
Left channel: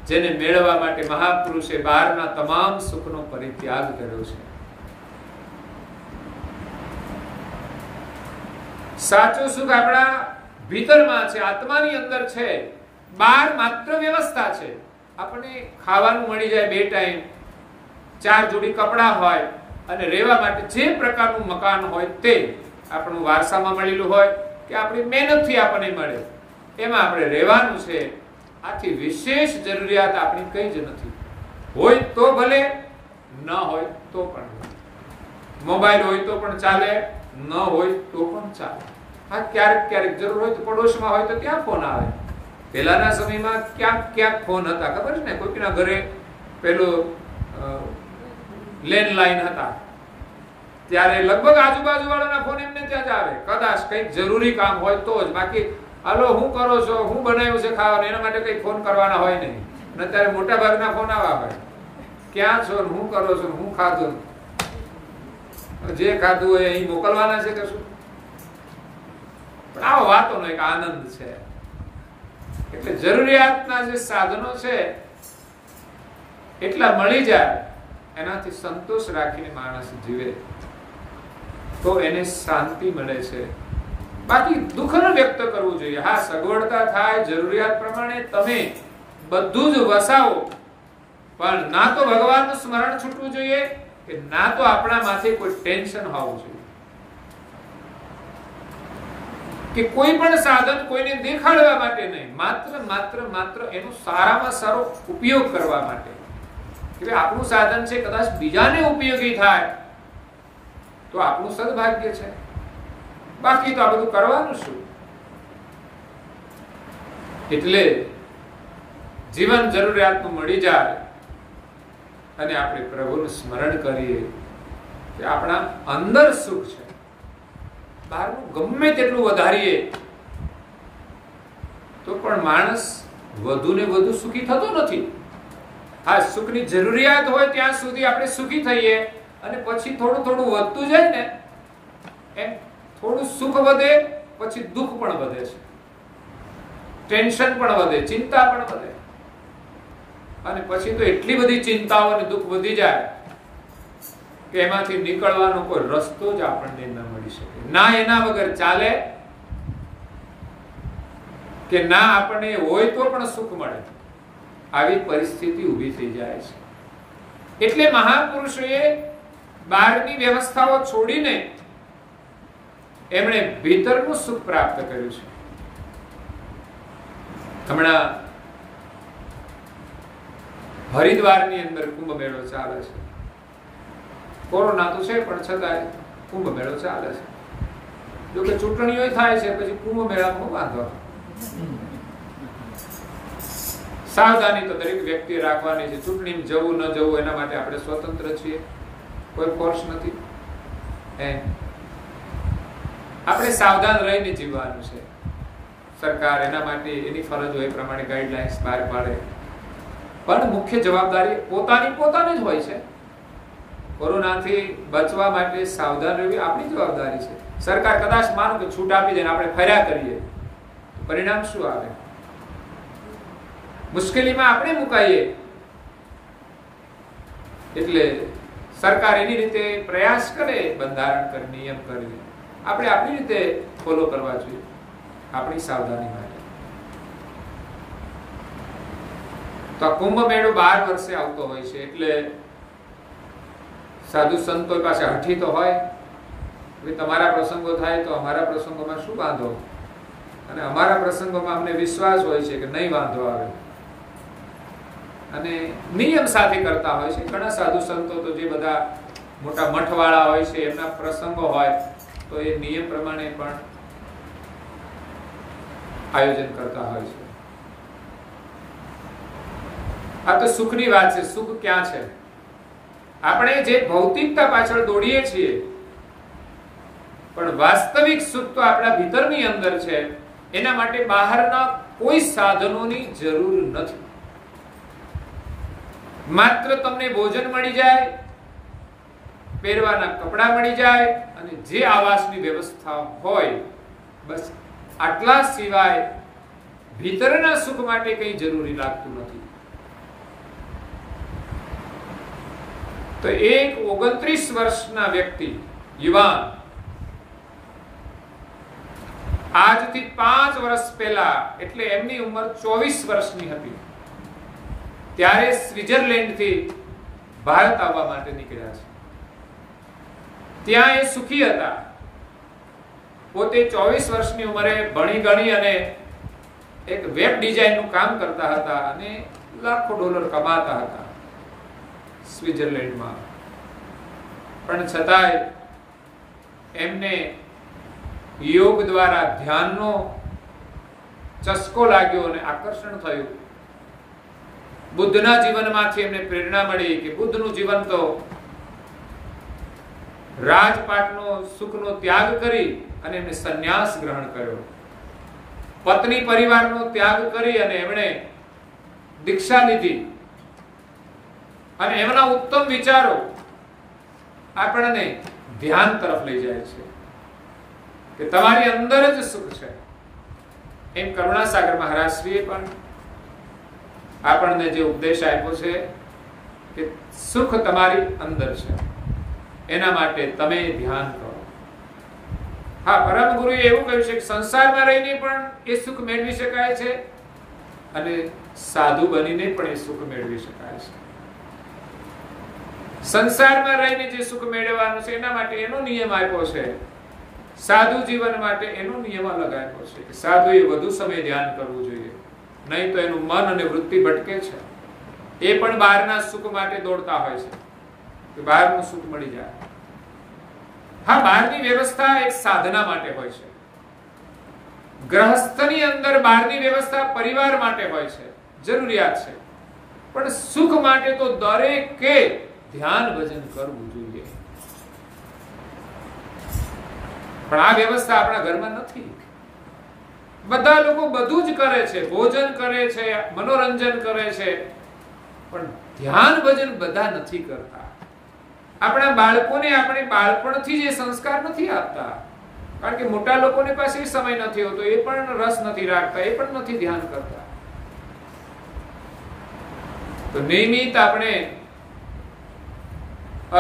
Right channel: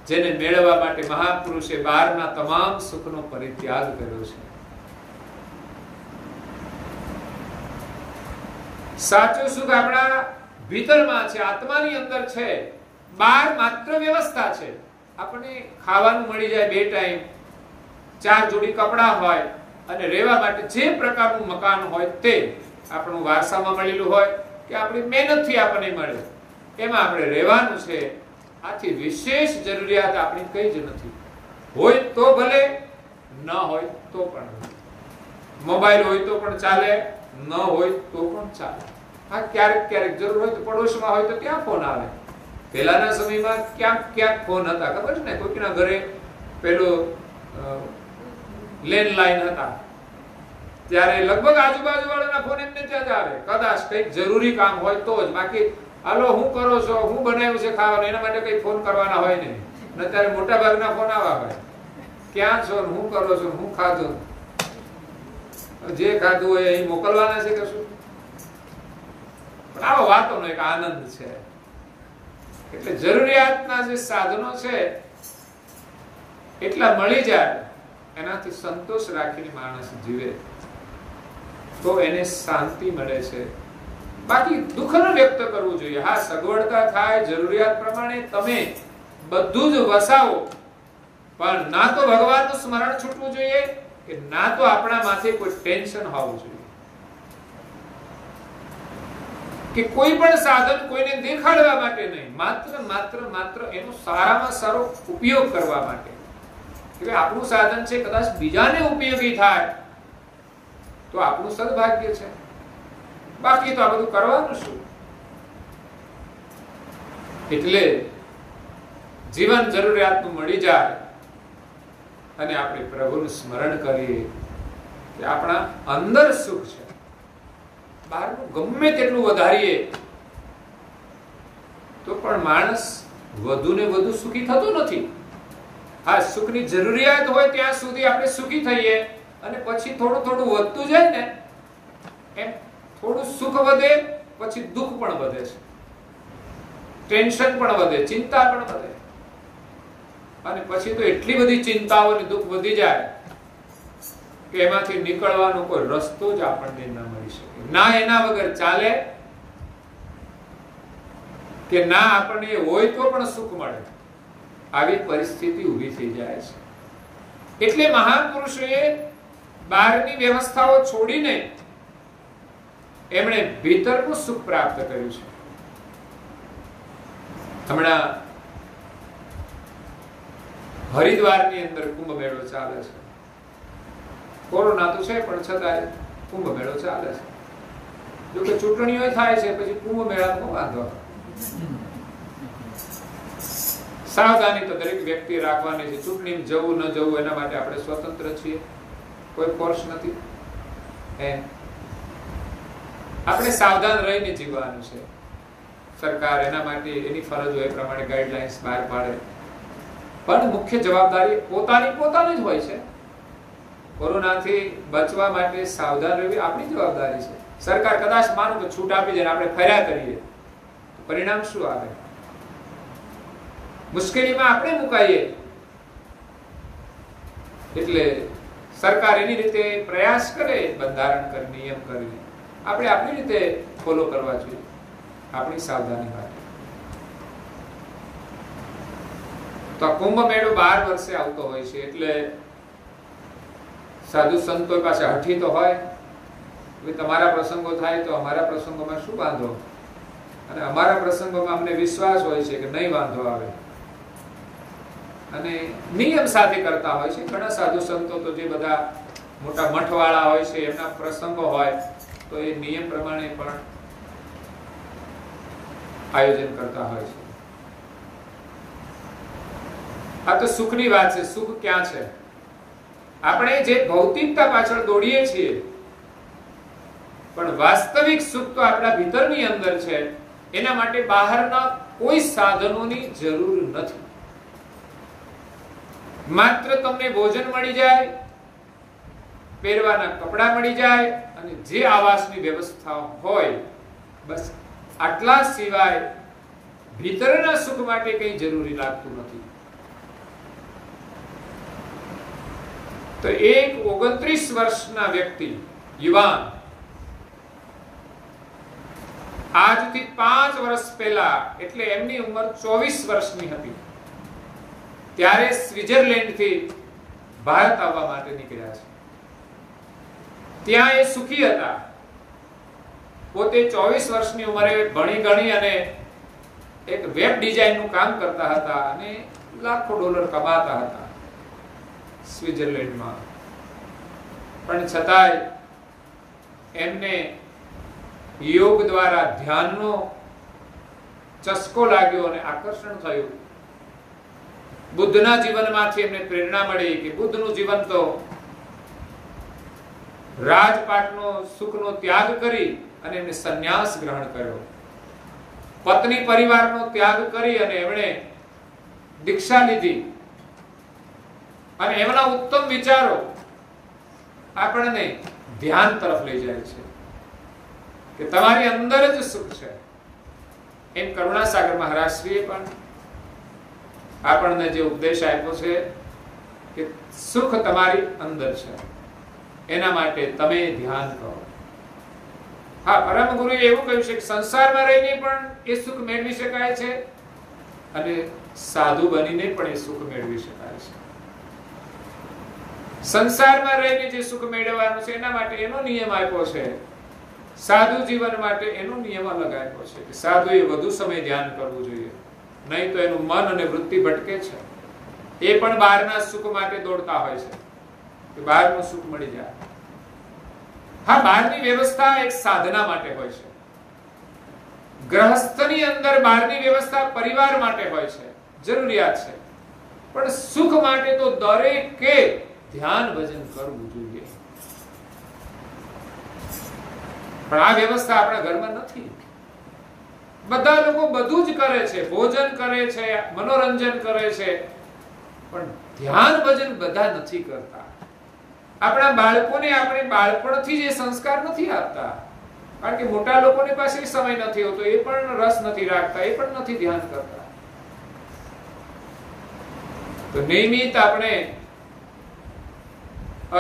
જેને મેળવવા માટે મહાપુરુષે બહારના તમામ સુખનો પરિત્યાગ કર્યો છે. સાચું સુખ આપણા ભીતરમાં છે, આત્માની અંદર છે. બહાર માત્ર વ્યવસ્થા છે. આપણને ખાવાનું મળી જાય 2 ટાઈમ, 4 જોડી કપડાં હોય, અને રહેવા માટે જે પ્રકારનું મકાન હોય તે આપણું વારસામાં મળેલું હોય કે આપણી મહેનતથી આપણને મળે, એમાં આપણે રહેવાનું છે. આથી વિશેષ જરૂરિયાત આપણી કઈ જ નથી. હોય તો ભલે, ન હોય તો પણ. મોબાઈલ હોય તો પણ ચાલે, ન હોય તો પણ ચાલે. હા, ક્યારેક ક્યારેક જરૂર હોય તો પડોશમાં હોય તો ત્યાં ફોન આવે. પહેલાના સમયમાં ક્યાંક ફોન હતા, ખબર છે ને? કોઈના ઘરે પેલું લેન્ડલાઈન હતા, ત્યારે લગભગ આજુબાજુ વાળાના ફોન એમને ત્યાં જ આવે. કદાચ કંઈક જરૂરી કામ હોય તો જ. બાકી હાલો હું કરો છો, હું બનાવ્યું છે ખાવાનું, એના માટે કઈ ફોન કરવાના હોય નહીં. અને અત્યારે મોટા ભાગના ફોન આવા હોય, ક્યાં છો, હું કરો છો, હું ખાધું, જે ખાધું હોય એ મોકલવાના છે કે શું? પણ આવા વાતોનો એક આનંદ છે. એટલે જરૂરિયાતના જે સાધનો છે એટલા મળી જાય, એનાથી સંતોષ રાખીને માણસ જીવે તો એને શાંતિ મળે છે. બાકી દુઃખ ન વ્યક્ત કરવું જોઈએ. હા, સગવડતા થાય, જરૂરિયાત પ્રમાણે તમે બધું જ વસાવો, પણ ના તો ભગવાનનું સ્મરણ છૂટવું જોઈએ કે ના તો આપણા માથે કોઈ ટેન્શન હોવું જોઈએ કે કોઈ પણ સાધન કોઈને દેખાડવા માટે નહીં, માત્ર એનો સારામાં સારો ઉપયોગ કરવા માટે. કે આપણું સાધન છે, કદાચ બીજાને ઉપયોગી થાય તો આપણું સદભાગ્ય છે. બાકી તો આ બધું કરવાનું શું? એટલે જીવન જરૂરિયાતનું મળી જાય અને આપણે પ્રભુનું સ્મરણ કરીએ કે આપણા અંદર સુખ છે. બહારનું ગમે તેટલું વધારીએ તો પણ માણસ વધુ ને વધુ સુખી થતો નથી. હા, સુખની જરૂરિયાત હોય ત્યાં સુધી આપણે સુખી થઈએ, અને પછી થોડું થોડું વધતું જાય ને એમ થોડું સુખ વધે, પછી દુઃખ પણ વધે છે, ટેન્શન પણ વધે, ચિંતા પણ વધે, અને પછી તો એટલી બધી ચિંતાઓ અને દુઃખ વધી જાય કે એમાંથી નીકળવાનો કોઈ રસ્તો જ આપણને ન મળી શકે. ના એના વગર ચાલે, કે ના આપણને હોય તો પણ સુખ મળે, આવી પરિસ્થિતિ ઊભી થઈ જાય છે. એટલે મહાપુરુષોએ બહારની વ્યવસ્થાઓ છોડીને એમણે ભીતરનું સુખ પ્રાપ્ત કર્યું છે. હમણાં હરિદ્વારની અંદર કુંભ મેળો ચાલે છે. કોરોના તો છે, પણ છતાં કુંભ મેળો ચાલે છે. જો કે ચૂંટણીઓ થાય છે, પછી કુંભ મેળામાં વાંધો. સાવધાની તો દરેક વ્યક્તિ રાખવાની છે. ચૂંટણીમાં જવું ન જવું એના માટે આપણે સ્વતંત્ર છીએ, કોઈ ફોર્સ નથી. એમ આપણે સાવધાન રહીને જીવવાનું છે. સરકાર એના માટે એની ફરજ હોય એ પ્રમાણે ગાઈડલાઇન્સ બહાર પાડે, પણ મુખ્ય જવાબદારી પોતાની જ હોય છે. કોરોનાથી બચવા માટે સાવધાન રહેવી આપણી જવાબદારી છે. સરકાર કદાચ માનો કે છૂટ આપી દે ને આપણે ફર્યા કરીએ, પરિણામ શું આવે? મુશ્કેલીમાં આપણે મુકાઈએ. એટલે સરકાર એની રીતે પ્રયાસ કરે, બંધારણ કરે, નિયમ કરે, આપણે આપણી રીતે ફોલો કરવા જોઈએ આપણી સાવધાની માટે. તો આ કુંભ મેળો 12 વર્ષે આવતો હોય છે, એટલે સાધુ સંતો પાસે હઠી તો હોય, તમારા પ્રસંગો થાય તો અમારા પ્રસંગોમાં શું વાંધો, અને અમારા પ્રસંગોમાં અમને વિશ્વાસ હોય છે કે નહીં વાંધો આવે, અને નિયમ સાથે કરતા હોય છે. ઘણા સાધુ સંતો તો જે બધા મોટા મઠવાળા હોય છે એમના પ્રસંગો હોય તો એ નિયમ પ્રમાણે પણ આયોજન કરતા હોય છે. આ તો સુખની વાત છે. સુખ ક્યાં છે? આપણે જે ભૌતિકતા પાછળ દોડીએ છીએ, પણ વાસ્તવિક સુખ તો આપણા ભીતરની અંદર છે. એના માટે બહારના કોઈ સાધનોની જરૂર નથી. માત્ર તમને ભોજન મળી જાય, પહેરવાના કપડા મળી જાય અને જે આવાસની વ્યવસ્થા હોય, બસ આટલા સિવાય ભીતરના સુખ માટે કંઈ જરૂરી લાગતું નથી. તો એક 29 વર્ષના વ્યક્તિ, યુવાન, આજથી 5 વર્ષ પહેલા, એટલે એમની ઉંમર 24 વર્ષની હતી, ત્યારે સ્વિટ્ઝરલેન્ડ થી ભારત આવવા માટે નીકળ્યા છે. ત્યાં એ સુખી હતા. પોતે 24 વર્ષની ઉંમરે ભણી ગણી અને એક વેબ ડિઝાઇનનું કામ કરતા હતા અને લાખો ડોલર કમાતા હતા સ્વિટ્ઝરલેન્ડમાં. પણ છતાંય એમને યોગ દ્વારા ધ્યાનનો ચસ્કો લાગ્યો અને આકર્ષણ થયું. બુદ્ધના જીવનમાંથી એમને પ્રેરણા મળી કે બુદ્ધનું જીવન તો રાજપાટનો સુખનો ત્યાગ કરી અને એમને સંન્યાસ ગ્રહણ કર્યો. પત્ની પરિવારનો ત્યાગ કરી અને એમણે દીક્ષા લીધી. અને એમના ઉત્તમ વિચારો આપણને ધ્યાન તરફ લઈ જાય છે કે તમારી અંદર જ સુખ છે. એમ કરુણાસાગર મહારાજશ્રીએ પણ આપણને જે ઉપદેશ આપ્યો છે કે સુખ તમારી અંદર છે, એના માટે તમે ધ્યાન કરો. હા, પરમ ગુરુએ એવું કહ્યું છે કે સંસારમાં રહીને પણ એ સુખ મેળવી શકાય છે અને સાધુ બનીને પણ એ સુખ મેળવી શકાય છે. સંસારમાં રહીને જે સુખ મેળવવાનું છે એના માટે એનો નિયમ આપ્યો છે. સાધુ જીવન માટે એનો નિયમ અલગ આપ્યો છે કે સાધુએ વધુ સમય ધ્યાન કરવું જોઈએ, નહીં તો એનું મન અને વૃત્તિ ભટકે છે. એ પણ બહારના સુખ માટે દોડતા હોય છે કે બહારનું સુખ મળી જાય. હા, બહારની વ્યવસ્થા એક સાધના માટે હોય છે. ગ્રહસ્થની અંદર બહારની વ્યવસ્થા પરિવાર માટે હોય છે, જરૂરિયાત છે. પણ સુખ માટે તો દરેકે ધ્યાન ભજન કરવું જોઈએ. પણ આ વ્યવસ્થા આપણા ઘરમાં નથી. બધા લોકો બધું જ કરે છે, ભોજન કરે છે, મનોરંજન કરે છે, પણ ધ્યાન ભજન બધા નથી કરતા. આપણા બાળકોને આપણે બાળપણથી જ સંસ્કાર નથી આપતા, કારણ કે મોટા લોકોની પાસે સમય નથી હોતો, એ પણ રસ નથી રાખતા, એ પણ નથી ધ્યાન કરતા. તો નિયમિત આપણે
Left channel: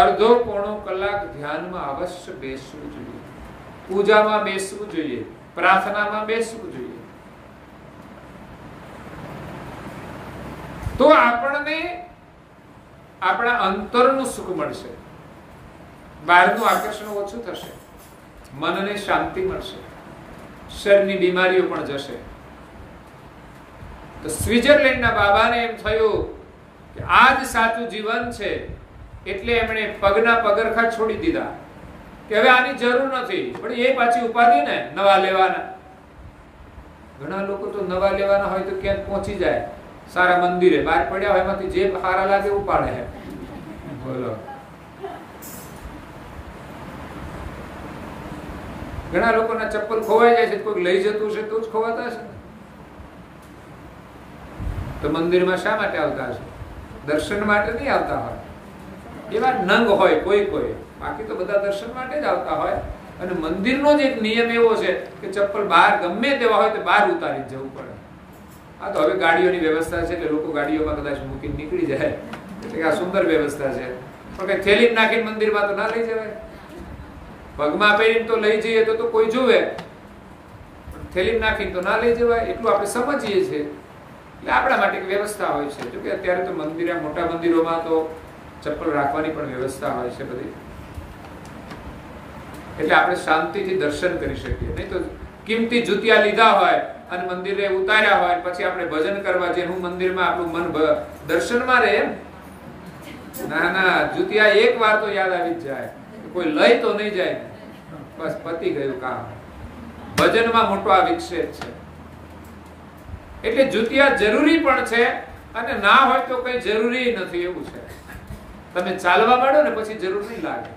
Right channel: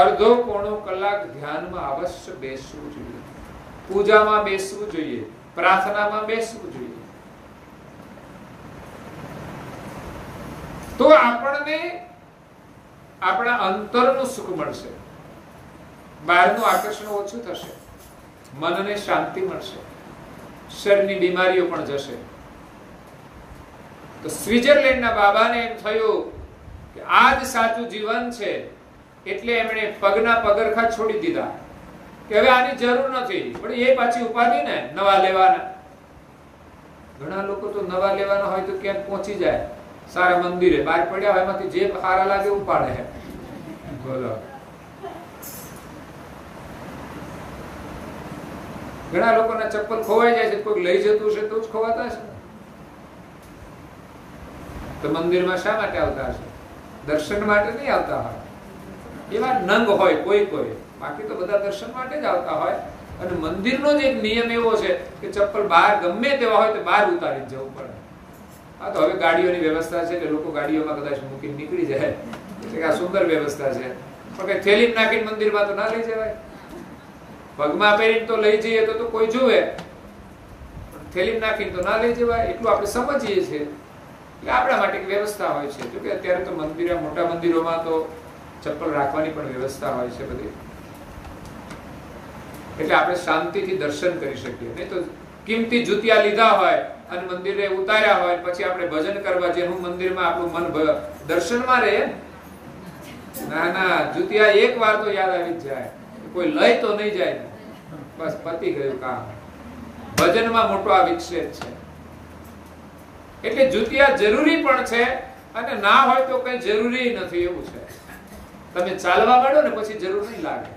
અડધો પોણો કલાક ધ્યાનમાં અવશ્ય બેસવું જોઈએ, પૂજામાં બેસવું જોઈએ, પ્રાર્થનામાં બેસવું જોઈએ. તો આપણને આપણા અંતરનું સુખ મળશે, બહારનું આકર્ષણ ઓછું થશે, મનને શાંતિ મળશે, શરીરની બીમારીઓ પણ જશે. તો સ્વિટ્ઝરલેન્ડના બાબાને એમ થયું કે આ જ સાચું જીવન છે, એટલે એમણે પગના પગરખા છોડી દીધા કે હવે આની જરૂર નથી. પણ એ પાછી ઉપાધિ ને નવા લેવાના. ઘણા લોકો તો નવા લેવાના હોય તો ક્યાંક પહોંચી જાય, સારા મંદિરે બહાર પડ્યા હોય એમાંથી જે સારા લાગે ઉપાડે. બોલો, ઘણા લોકોના ચપ્પલ ખોવાઈ જાય છે, કોઈ લઈ જતું છે તો જ ખોવાતા છે. તો મંદિરમાં શા માટે આવતા હશે? દર્શન માટે નહીં આવતા હોય. એવા નંગ હોય કોઈ, બાકી તો બધા દર્શન માટે જ આવતા હોય. અને મંદિરનો જ એક નિયમ એવો છે કે ચપ્પલ બહાર ગમે તેવા હોય તો બહાર ઉતારી જવું પડે. હા, તો હવે ગાડીઓની વ્યવસ્થા છે કે લોકો ગાડીઓમાં કદાચ મૂકીને નીકળી જાય, એટલે કે આ સુંદર વ્યવસ્થા છે. પણ કઈ થેલીમાં નાખીને મંદિરમાં તો ના લઈ જવાય. પગમાં પહેરીને તો લઈ જઈએ તો કોઈ જોવે, પણ થેલીમાં નાખીને તો ના લઈ જવાય. એટલું આપણે સમજીએ છીએ. એટલે આપણા માટે એક વ્યવસ્થા હોય છે. જોકે અત્યારે તો મોટા મંદિરોમાં તો ચપ્પલ રાખવાની પણ વ્યવસ્થા હોય છે બધી, એટલે આપણે શાંતિથી દર્શન કરી શકીએ. નહીં તો કિંમતી જૂતિયા લીધા હોય અને મંદિરે ઉતાર્યા હોય, પછી આપણે ભજન કરવા જઈએ, હું મંદિરમાં આપણું મન દર્શનમાં રહે એમ? ના, જૂતિયા એક વાર તો યાદ આવી જ જાય. કોઈ લઈ તો નહીં જાય ને, બસ પતી ગયું કામ. ભજનમાં મોટો આ વિક્ષેપ છે. એટલે જૂતિયા જરૂરી પણ છે અને ના હોય તો કઈ જરૂરી નથી, એવું છે. તમે ચાલવા માંડો ને પછી જરૂર નહીં લાગે,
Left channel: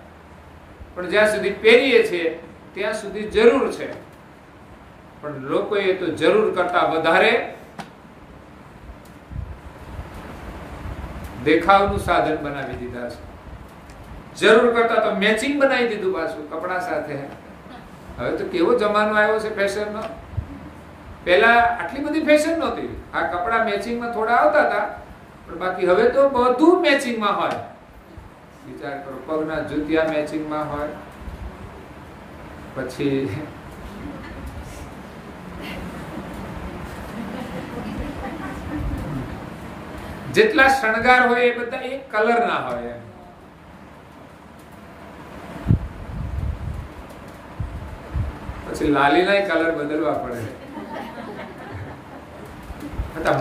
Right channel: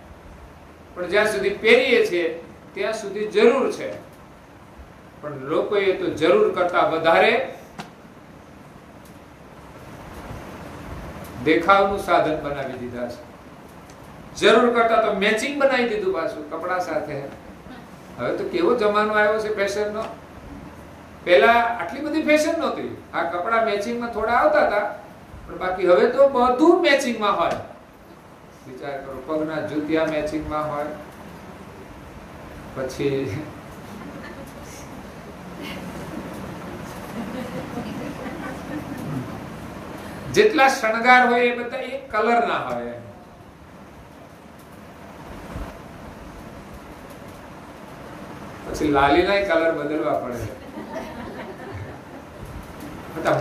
પણ જ્યાં સુધી પહેરીએ છીએ ત્યાં સુધી જરૂર છે. પણ લોકોએ તો જરૂર કરતા વધારે દેખાવનું સાધન બનાવી દીધા છે. જરૂર કરતા તો મેચિંગ બનાવી દીધું પાછું કપડા સાથે. હવે તો કેવો જમાનો આવ્યો છે ફેશનનો. પહેલા આટલી બધી ફેશન નહોતી. આ કપડા મેચિંગમાં થોડા આવતા હતા, પણ બાકી હવે તો બધું મેચિંગમાં હોય. વિચાર કરો, પગના જૂતિયા મેચિંગમાં હોય, પછી જેટલા શણગાર હોય એ બધા એક કલર ના હોય. પછી લાલીના કલર બદલવા પડે.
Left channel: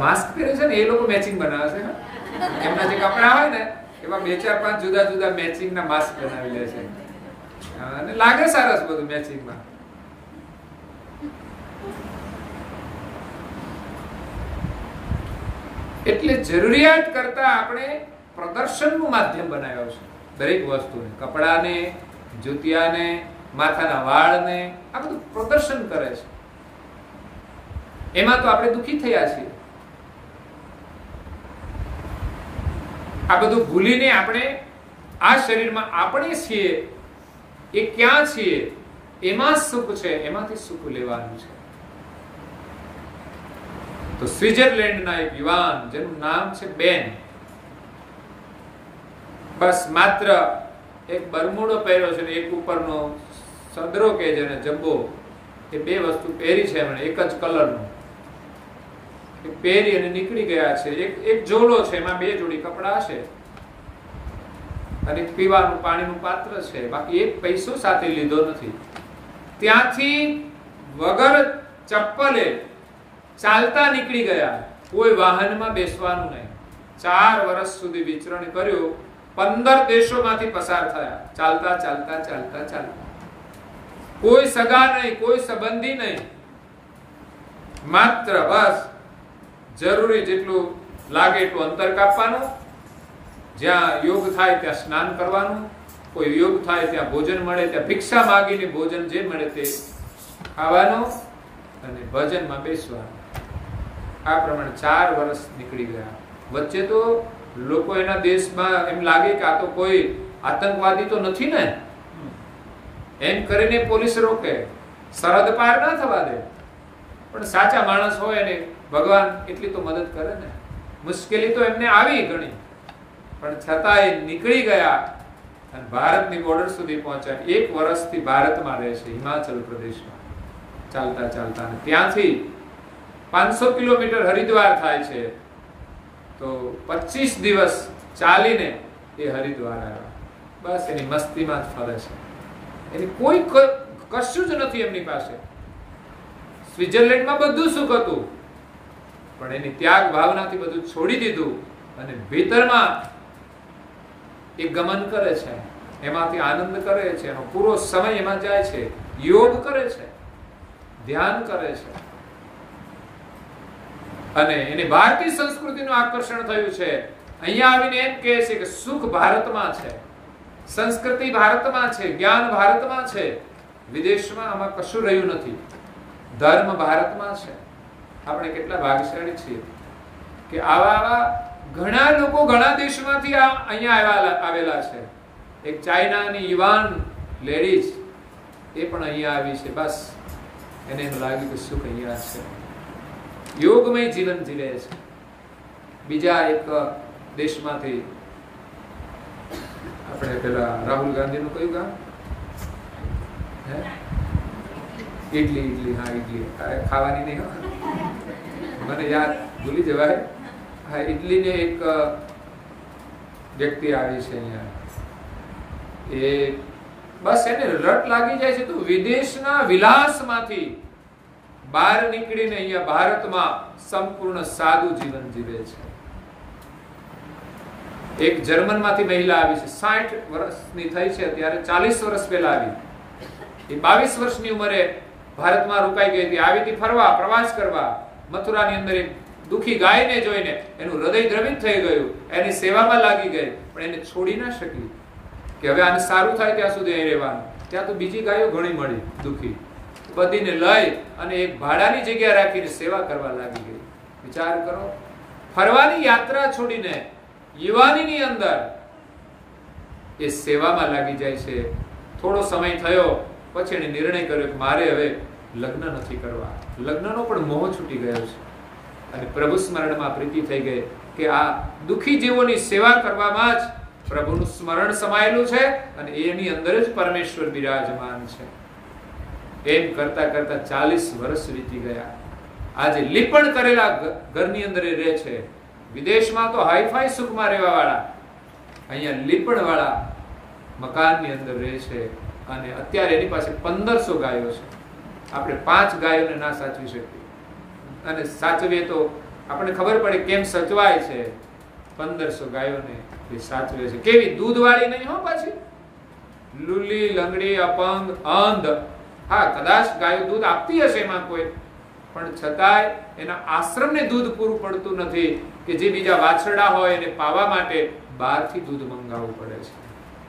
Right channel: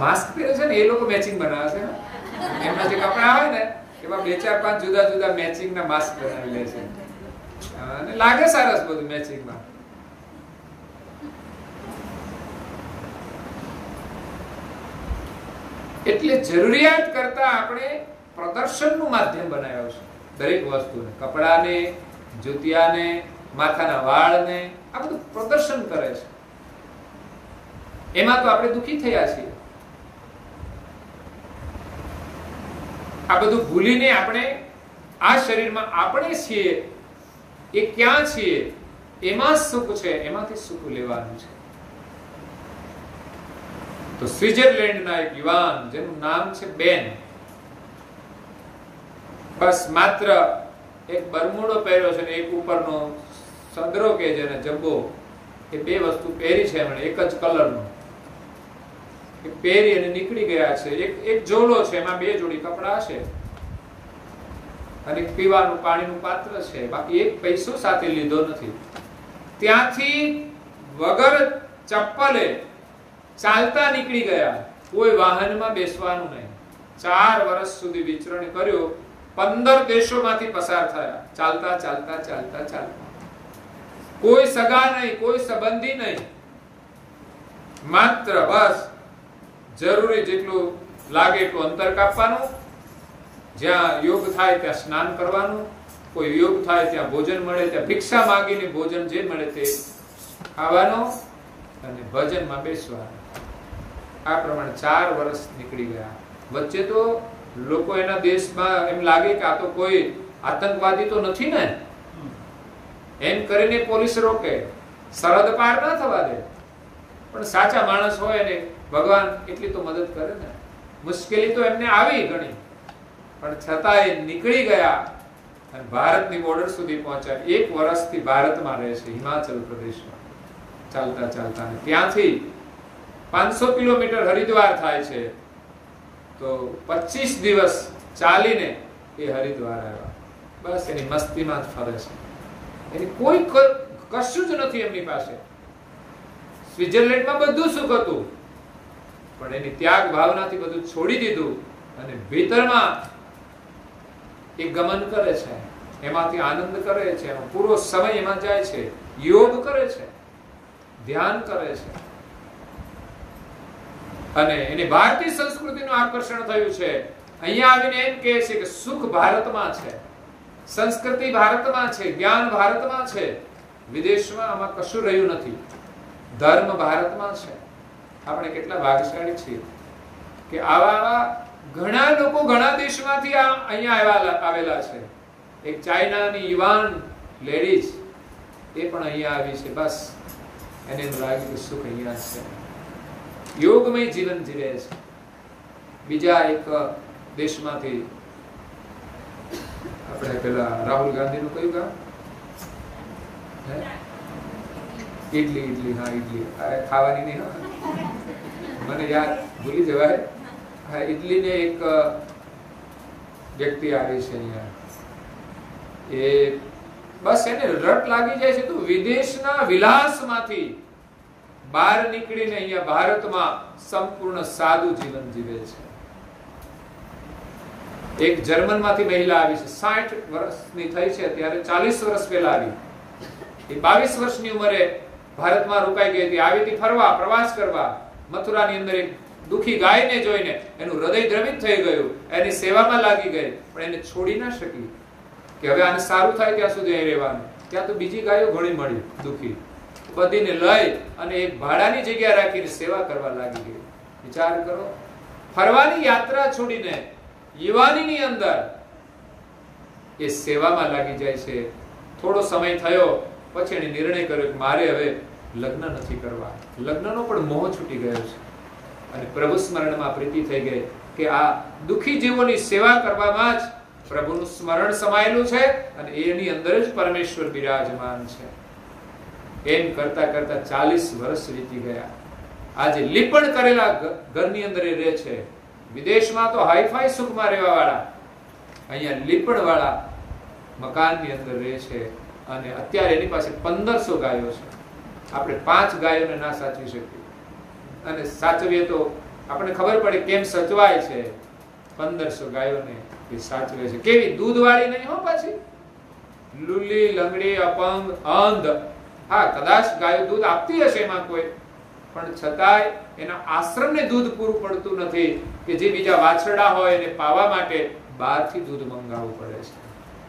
માસ્ક પહેરે છે ને એ લોકો મેચિંગ બનાવે છે. એમના જે કપડા હોય ને એમાં 2-4-5 જુદા જુદા મેચિંગ ના માસ્ક બનાવી લે છે અને લાગે સરસ બધું મેચિંગમાં. એટલે જરૂરિયાત કરતા આપણે પ્રદર્શનનું માધ્યમ બનાવ્યું છે દરેક વસ્તુને. કપડાને, જૂતિયાને, માથાના વાળને, આ બધું પ્રદર્શન કરે છે. એમાં તો આપણે દુઃખી થયા છીએ. આ બધું ભૂલીને આપણે આ શરીરમાં આપણે છીએ એ ક્યાં છીએ એમાં સુખ છે, એમાંથી સુખ લેવાનું છે. તો સ્વિટ્ઝરલેન્ડના એક યુવાન જેનું નામ છે બેન, બસ માત્ર એક બરમુડો પહેર્યો છે ને એક ઉપરનો સદરો કે જેને જબ્બો, એ બે વસ્તુ પહેરી છે એમણે એક જ કલરનો પહેરી અને નીકળી ગયા છે. એક ઝોલો છે, એમાં 2 જોડી કપડા છે અને પીવાનું પાણીનું પાત્ર છે. બાકી એક પૈસો સાથે લીધો નથી. ત્યાંથી વગર ચપ્પલે ચાલતા નીકળી ગયા. કોઈ વાહનમાં બેસવાનું નહીં. 4 વર્ષ સુધી વિચરણ કર્યું. 15 દેશોમાંથી પસાર થયા. ચાલતા ચાલતા ચાલતા ચાલતા. કોઈ સગા નહીં, કોઈ સંબંધી નહીં. માત્ર બસ જરૂરી જેટલું લાગે એટલું અંતર કાપવાનું. જ્યાં યોગ થાય ત્યાં સ્નાન કરવાનું. કોઈ યોગ થાય ત્યાં ભોજન મળે ત્યાં ભિક્ષા માંગીને ભોજન જે મળે તે ખાવાનું અને ભજનમાં બેસવાનું. આ પ્રમાણે 4 વર્ષ નીકળી ગયા. વચ્ચે તો લોકો એના દેશમાં એમ લાગે કે આ તો કોઈ આતંકવાદી તો નથી ને, એમ કરીને પોલીસ રોકે, સરહદ પાર ના થવા દે. પણ સાચા માણસ હોય અને ભગવાન એટલી તો મદદ કરે ને. મુશ્કેલી તો એમને આવી ઘણી, પણ છતાંય નીકળી ગયા અને ભારતની બોર્ડર સુધી પહોંચ્યા. 1 વર્ષથી ભારતમાં રહે છે, હિમાચલ પ્રદેશમાં ચાલતા ચાલતા. અને ત્યાંથી 500 કિલોમીટર હરિદ્વાર થાય છે. તો 25 દિવસ ચાલીને એ હરિદ્વાર આવ્યા. બસ એની મસ્તીમાં જ ફરે છે. એની કોઈ કશું જ નથી એમની પાસે. સ્વિટ્ઝરલેન્ડમાં બધું સુખ હતું, પણ એની ત્યાગ ભાવનાથી બધું છોડી દીધું અને ભીતરમાં એ ગમન કરે છે, એમાંથી આનંદ કરે છે, એનો પૂરો સમય એમાં જાય છે. યોગ કરે છે, ધ્યાન કરે છે અને એને ભારતીય સંસ્કૃતિનું આકર્ષણ થયું છે. અહીંયા આવીને એમ કહે છે કે સુખ ભારતમાં છે, સંસ્કૃતિ ભારતમાં છે, જ્ઞાન ભારતમાં છે. વિદેશમાં આમાં કશું રહ્યું નથી. ધર્મ ભારતમાં છે. આપણે કેટલા ભાગ્યશાળી છીએ કે આવા ઘણા લોકો ઘણા દેશમાંથી અહીંયા આવેલા છે. એક ચાઇનાની યુવાન લેડીઝ એ પણ અહીંયા આવી છે. બસ એને એમ લાગ્યું કે સુખ અહીંયા છે, યોગમય જીવન જીવે છે. બીજા એક દેશમાંથી આપણે પેલા રાહુલ ગાંધીનું કયું ગામ? ઇડલી. હા, ઇડલી ખાવાની નહીં, મને યાદ ભૂલી જવાય. હા, ઇડલી ને એક વ્યક્તિ આવી છે અહીંયા. એ બસ એને રટ લાગી જાય છે તો વિદેશના વિલાસમાંથી બહાર નીકળીને અહીંયા ભારતમાં સંપૂર્ણ સાદું જીવન જીવે છે. એક જર્મન માંથી મહિલા આવી છે, 60 વર્ષની થઈ છે ત્યારે, 40 વર્ષ પહેલા આવી. એ 22 વર્ષની ઉંમરે ભારતમાં રોકાઈ ગઈ હતી. આવી હતી ફરવા, પ્રવાસ કરવા. મથુરાની અંદર એક દુખી ગાયને જોઈને એનું હૃદય દ્રવિત થઈ ગયું, એની સેવામાં લાગી ગઈ, પણ એને છોડી ના શકી કે હવે આને સારું થાય ત્યાં સુધી અહીં રહેવાનું. ત્યાં તો બીજી ગાયો ઘણી મળી દુખી, બધીને લઈ અને એક ભાડાની જગ્યા રાખીને સેવા કરવા લાગી ગઈ. વિચાર કરો, ફરવાની યાત્રા છોડીને યુવાનીની અંદર એ સેવામાં લાગી જાય છે. થોડો સમય થયો પછી એને નિર્ણય કર્યો કે મારે હવે લગ્ન નથી કરવા. લગ્નનો પણ મોહ છૂટી ગયો છે અને પ્રભુ સ્મરણમાં પ્રીતિ થઈ ગઈ કે આ દુખી જીવોની સેવા કરવામાં જ પ્રભુનું સ્મરણ સમાયેલું છે અને એની અંદર જ પરમેશ્વર બિરાજમાન છે. એમ કરતા કરતા 40 વર્ષ વીતી ગયા. આજે લીપણ કરેલા ઘરની અંદર એ રહે છે. વિદેશમાં તો હાઈફાઈ સુખમાં રહેવા વાળા અહીંયા લીપણ વાળા મકાનની અંદર રહે છે અને અત્યારે એની પાસે 1500 ગાયો છે. આપણે 5 ગાયોને ના સાચવી શકીએ અને સાચવીએ તો આપણને ખબર પડે કેમ સચવાય છે. 1500 ગાયોને એ સાચવે છે. કેવી દૂધવાળી નહીં હો, પાછી લુલી, લંગડી, અપંગ, અંધ. હા, કદાચ ગાયો દૂધ આપતી હશે એમાં કોઈ, પણ છતાંય એના આશ્રમને દૂધ પૂરું પડતું નથી કે જે બીજા વાછરડા હોય એને પાવા માટે બહારથી દૂધ મંગાવવું પડે છે.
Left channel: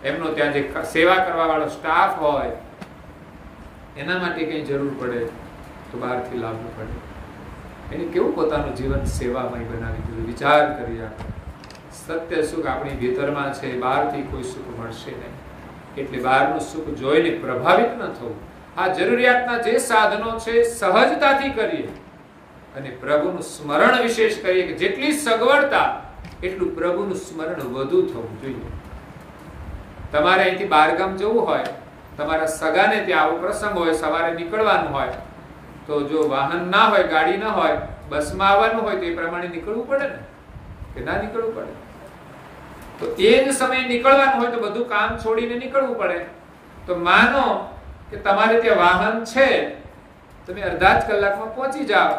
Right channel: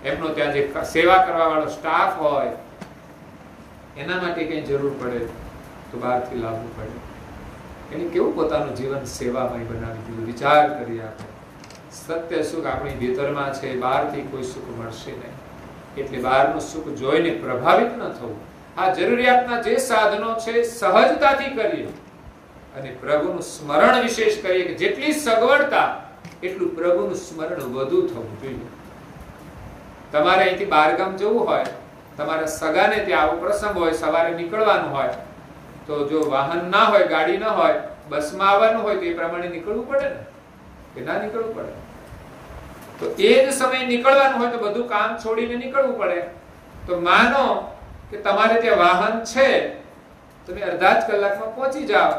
એમનો ત્યાં જે સેવા કરવા વાળો સ્ટાફ હોય એના માટે કઈ જરૂર પડે તો બહારથી લાવવું પડે. એને કેવું પોતાનું જીવન સેવામય બનાવી દીધું. વિચાર કરીએ આપણે. સત્ય સુખ આપણી ભીતરમાં છે, બહારથી કોઈ સુખ મળશે નહીં. એટલે બહારનું સુખ જોઈને પ્રભાવિત ન થવું. આ જરૂરિયાતના જે સાધનો છે સહજતાથી કરીએ અને પ્રભુનું સ્મરણ વિશેષ કરીએ કે જેટલી સગવડતા એટલું પ્રભુનું સ્મરણ વધુ થવું જોઈએ. તમારે અહીંથી બહારગામ જવું હોય, તમારા સગાને ત્યાં આવો પ્રસંગ હોય, સવારે નીકળવાનું હોય, તો જો વાહન ના હોય, ગાડી ના હોય, બસમાં આવવાનું હોય તો એ પ્રમાણે નીકળવું પડે ને, કે ના નીકળવું પડે? તો એ જ સમયે નીકળવાનું હોય તો બધું કામ છોડીને નીકળવું પડે. તો માનો કે તમારે ત્યાં વાહન છે, તમે અડધા જ કલાકમાં પહોંચી જાઓ,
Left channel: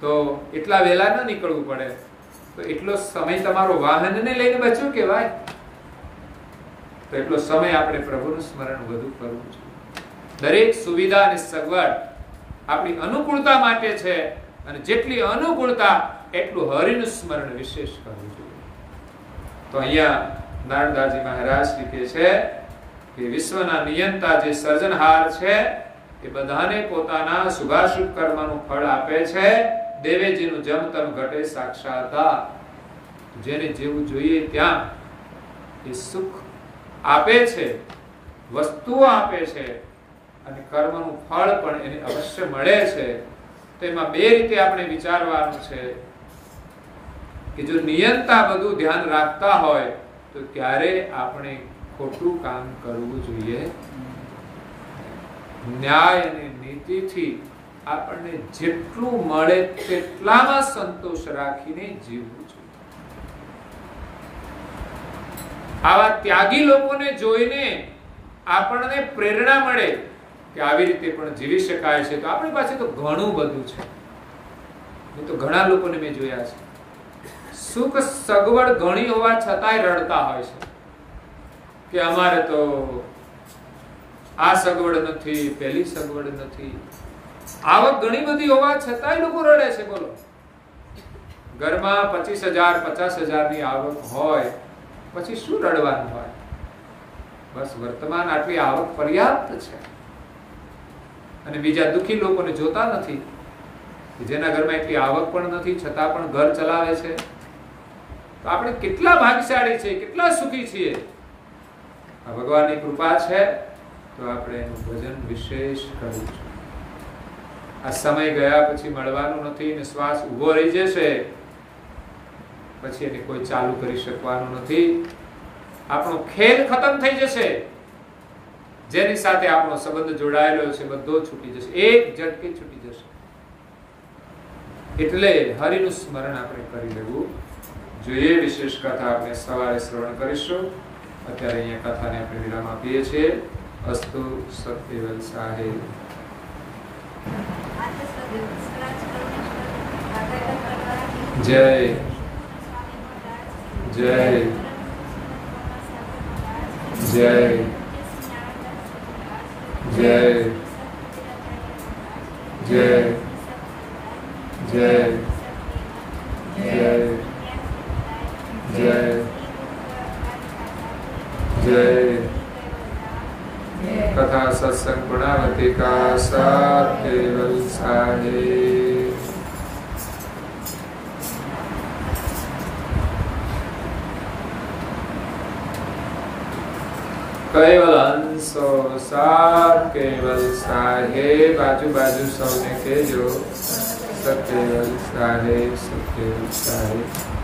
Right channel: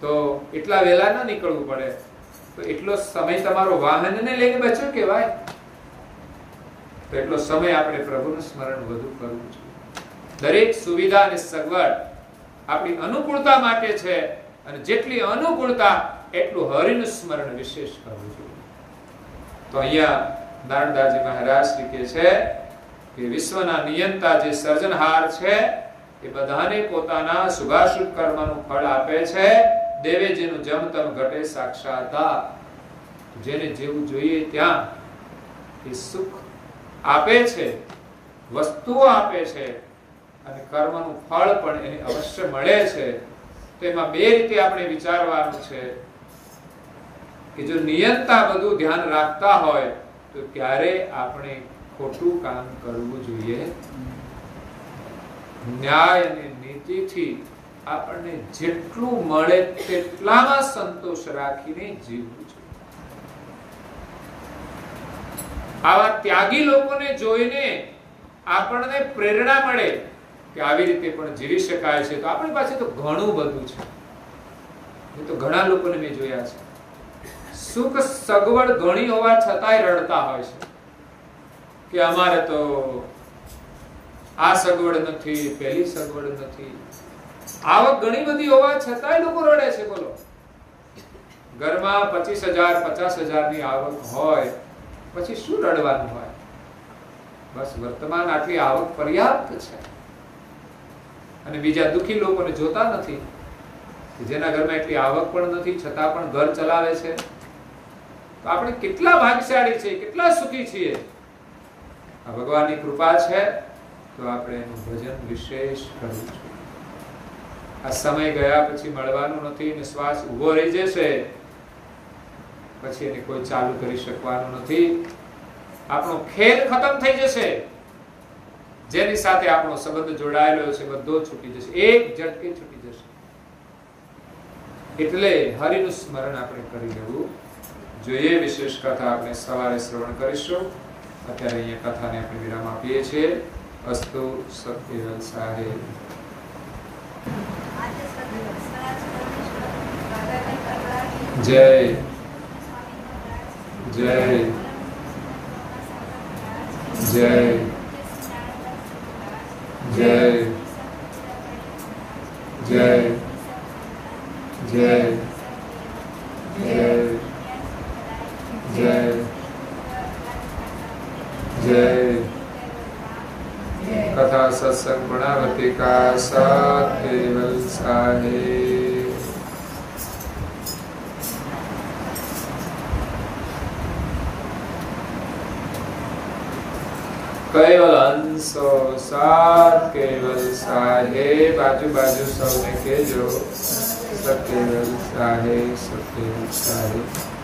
તો એટલા વહેલા ના નીકળવું પડે. તો એટલો સમય તમારો વાહનને લઈને બચ્યો કહેવાય. તો એટલો સમય આપણે પ્રભુનું સ્મરણ વધુ કરવું જોઈએ. દરેક સુવિધા અને સગવડ આપણી અનુકૂળતા માટે છે અને જેટલી અનુકૂળતા એટલું હરિનું સ્મરણ વિશેષ કરવું જોઈએ. તો અહીંયા નારણદાસજી મહારાજ શ્રી કહે છે કે વિશ્વના નિયંતા જે સર્જનહાર છે એ બધાને પોતાના શુભાશુભ કર્મનું ફળ આપે છે. દેવે જેનું જમતમ ઘટે સાક્ષાતા. જેને જેવું જોઈએ ત્યાં એ સુખ આપે છે, વસ્તુઓ આપે છે અને કર્મનું ફળ પણ એને અવશ્ય મળે છે. તો એમાં બે રીતે આપણે વિચારવાનું છે કે જો નિયંતા બધું ધ્યાન રાખતા હોય તો ક્યારે આપણે ખોટું કામ કરવું જોઈએ. ન્યાય અને નીતિથી આપણને જેટલું મળે તેટલામાં સંતોષ રાખીને જીવવું જોઈએ. આવા ત્યાગી લોકોને જોઈને આપણને પ્રેરણા મળે કે આવી રીતે પણ જીવી શકાય છે. તો આપણી પાસે તો ઘણું બધું છે. એ તો ઘણા લોકોને મેં જોયા છે, સુખ સગવડ ઘણી હોવા છતાંય રડતા હોય છે કે અમારે તો આ સગવડ નથી, પેલી સગવડ નથી. આવક ઘણી બધી હોવા છતાંય લોકો રડે છે. બોલો, ઘરમાં 25,000 50,000 ની આવક હોય પછી શું રડવાનું હોય? બસ વર્તમાન આટલી આવક પર્યાપ્ત છે. અને બીજા દુઃખી લોકોને જોતા નથી કે જેના ઘરમાં એટલી આવક પણ નથી છતાં પણ ઘર ચલાવે છે. તો આપણે કેટલા ભાગ્યશાળી છીએ, કેટલા સુખી છીએ. આ ભગવાનની કૃપા છે તો આપણે એનું ભજન વિશેષ કરવું છે. આ સમય ગયા પછી મળવાનું નથી ને શ્વાસ ઉભો રહી જશે પછી એને કોઈ ચાલુ કરી શકવાનું નથી. આપણો ખેલ ખતમ થઈ જશે. જેની સાથે આપણો સંબંધ જોડાયેલો છે બધો છૂટી જશે, એક ઝટકે છૂટી જશે. એટલે હરિનું સ્મરણ આપણે કરી લેવું જોઈએ. વિશેષ કથા આપણે સવારે શ્રવણ કરીશું. અત્યારે અહીંયા કથાને આપણે વિરામ આપીએ છીએ. અસ્તુ સત્યવલ સાહેબ. જય જય જય જય જય જય જય જય જય. कथा सत्संग गुणावती का साथ केवल साहेब. केवल अंशो साथ केवल साहेब. बाजू बाजू सौने के जो सत्केवल साहेब सत्केवल साहेब.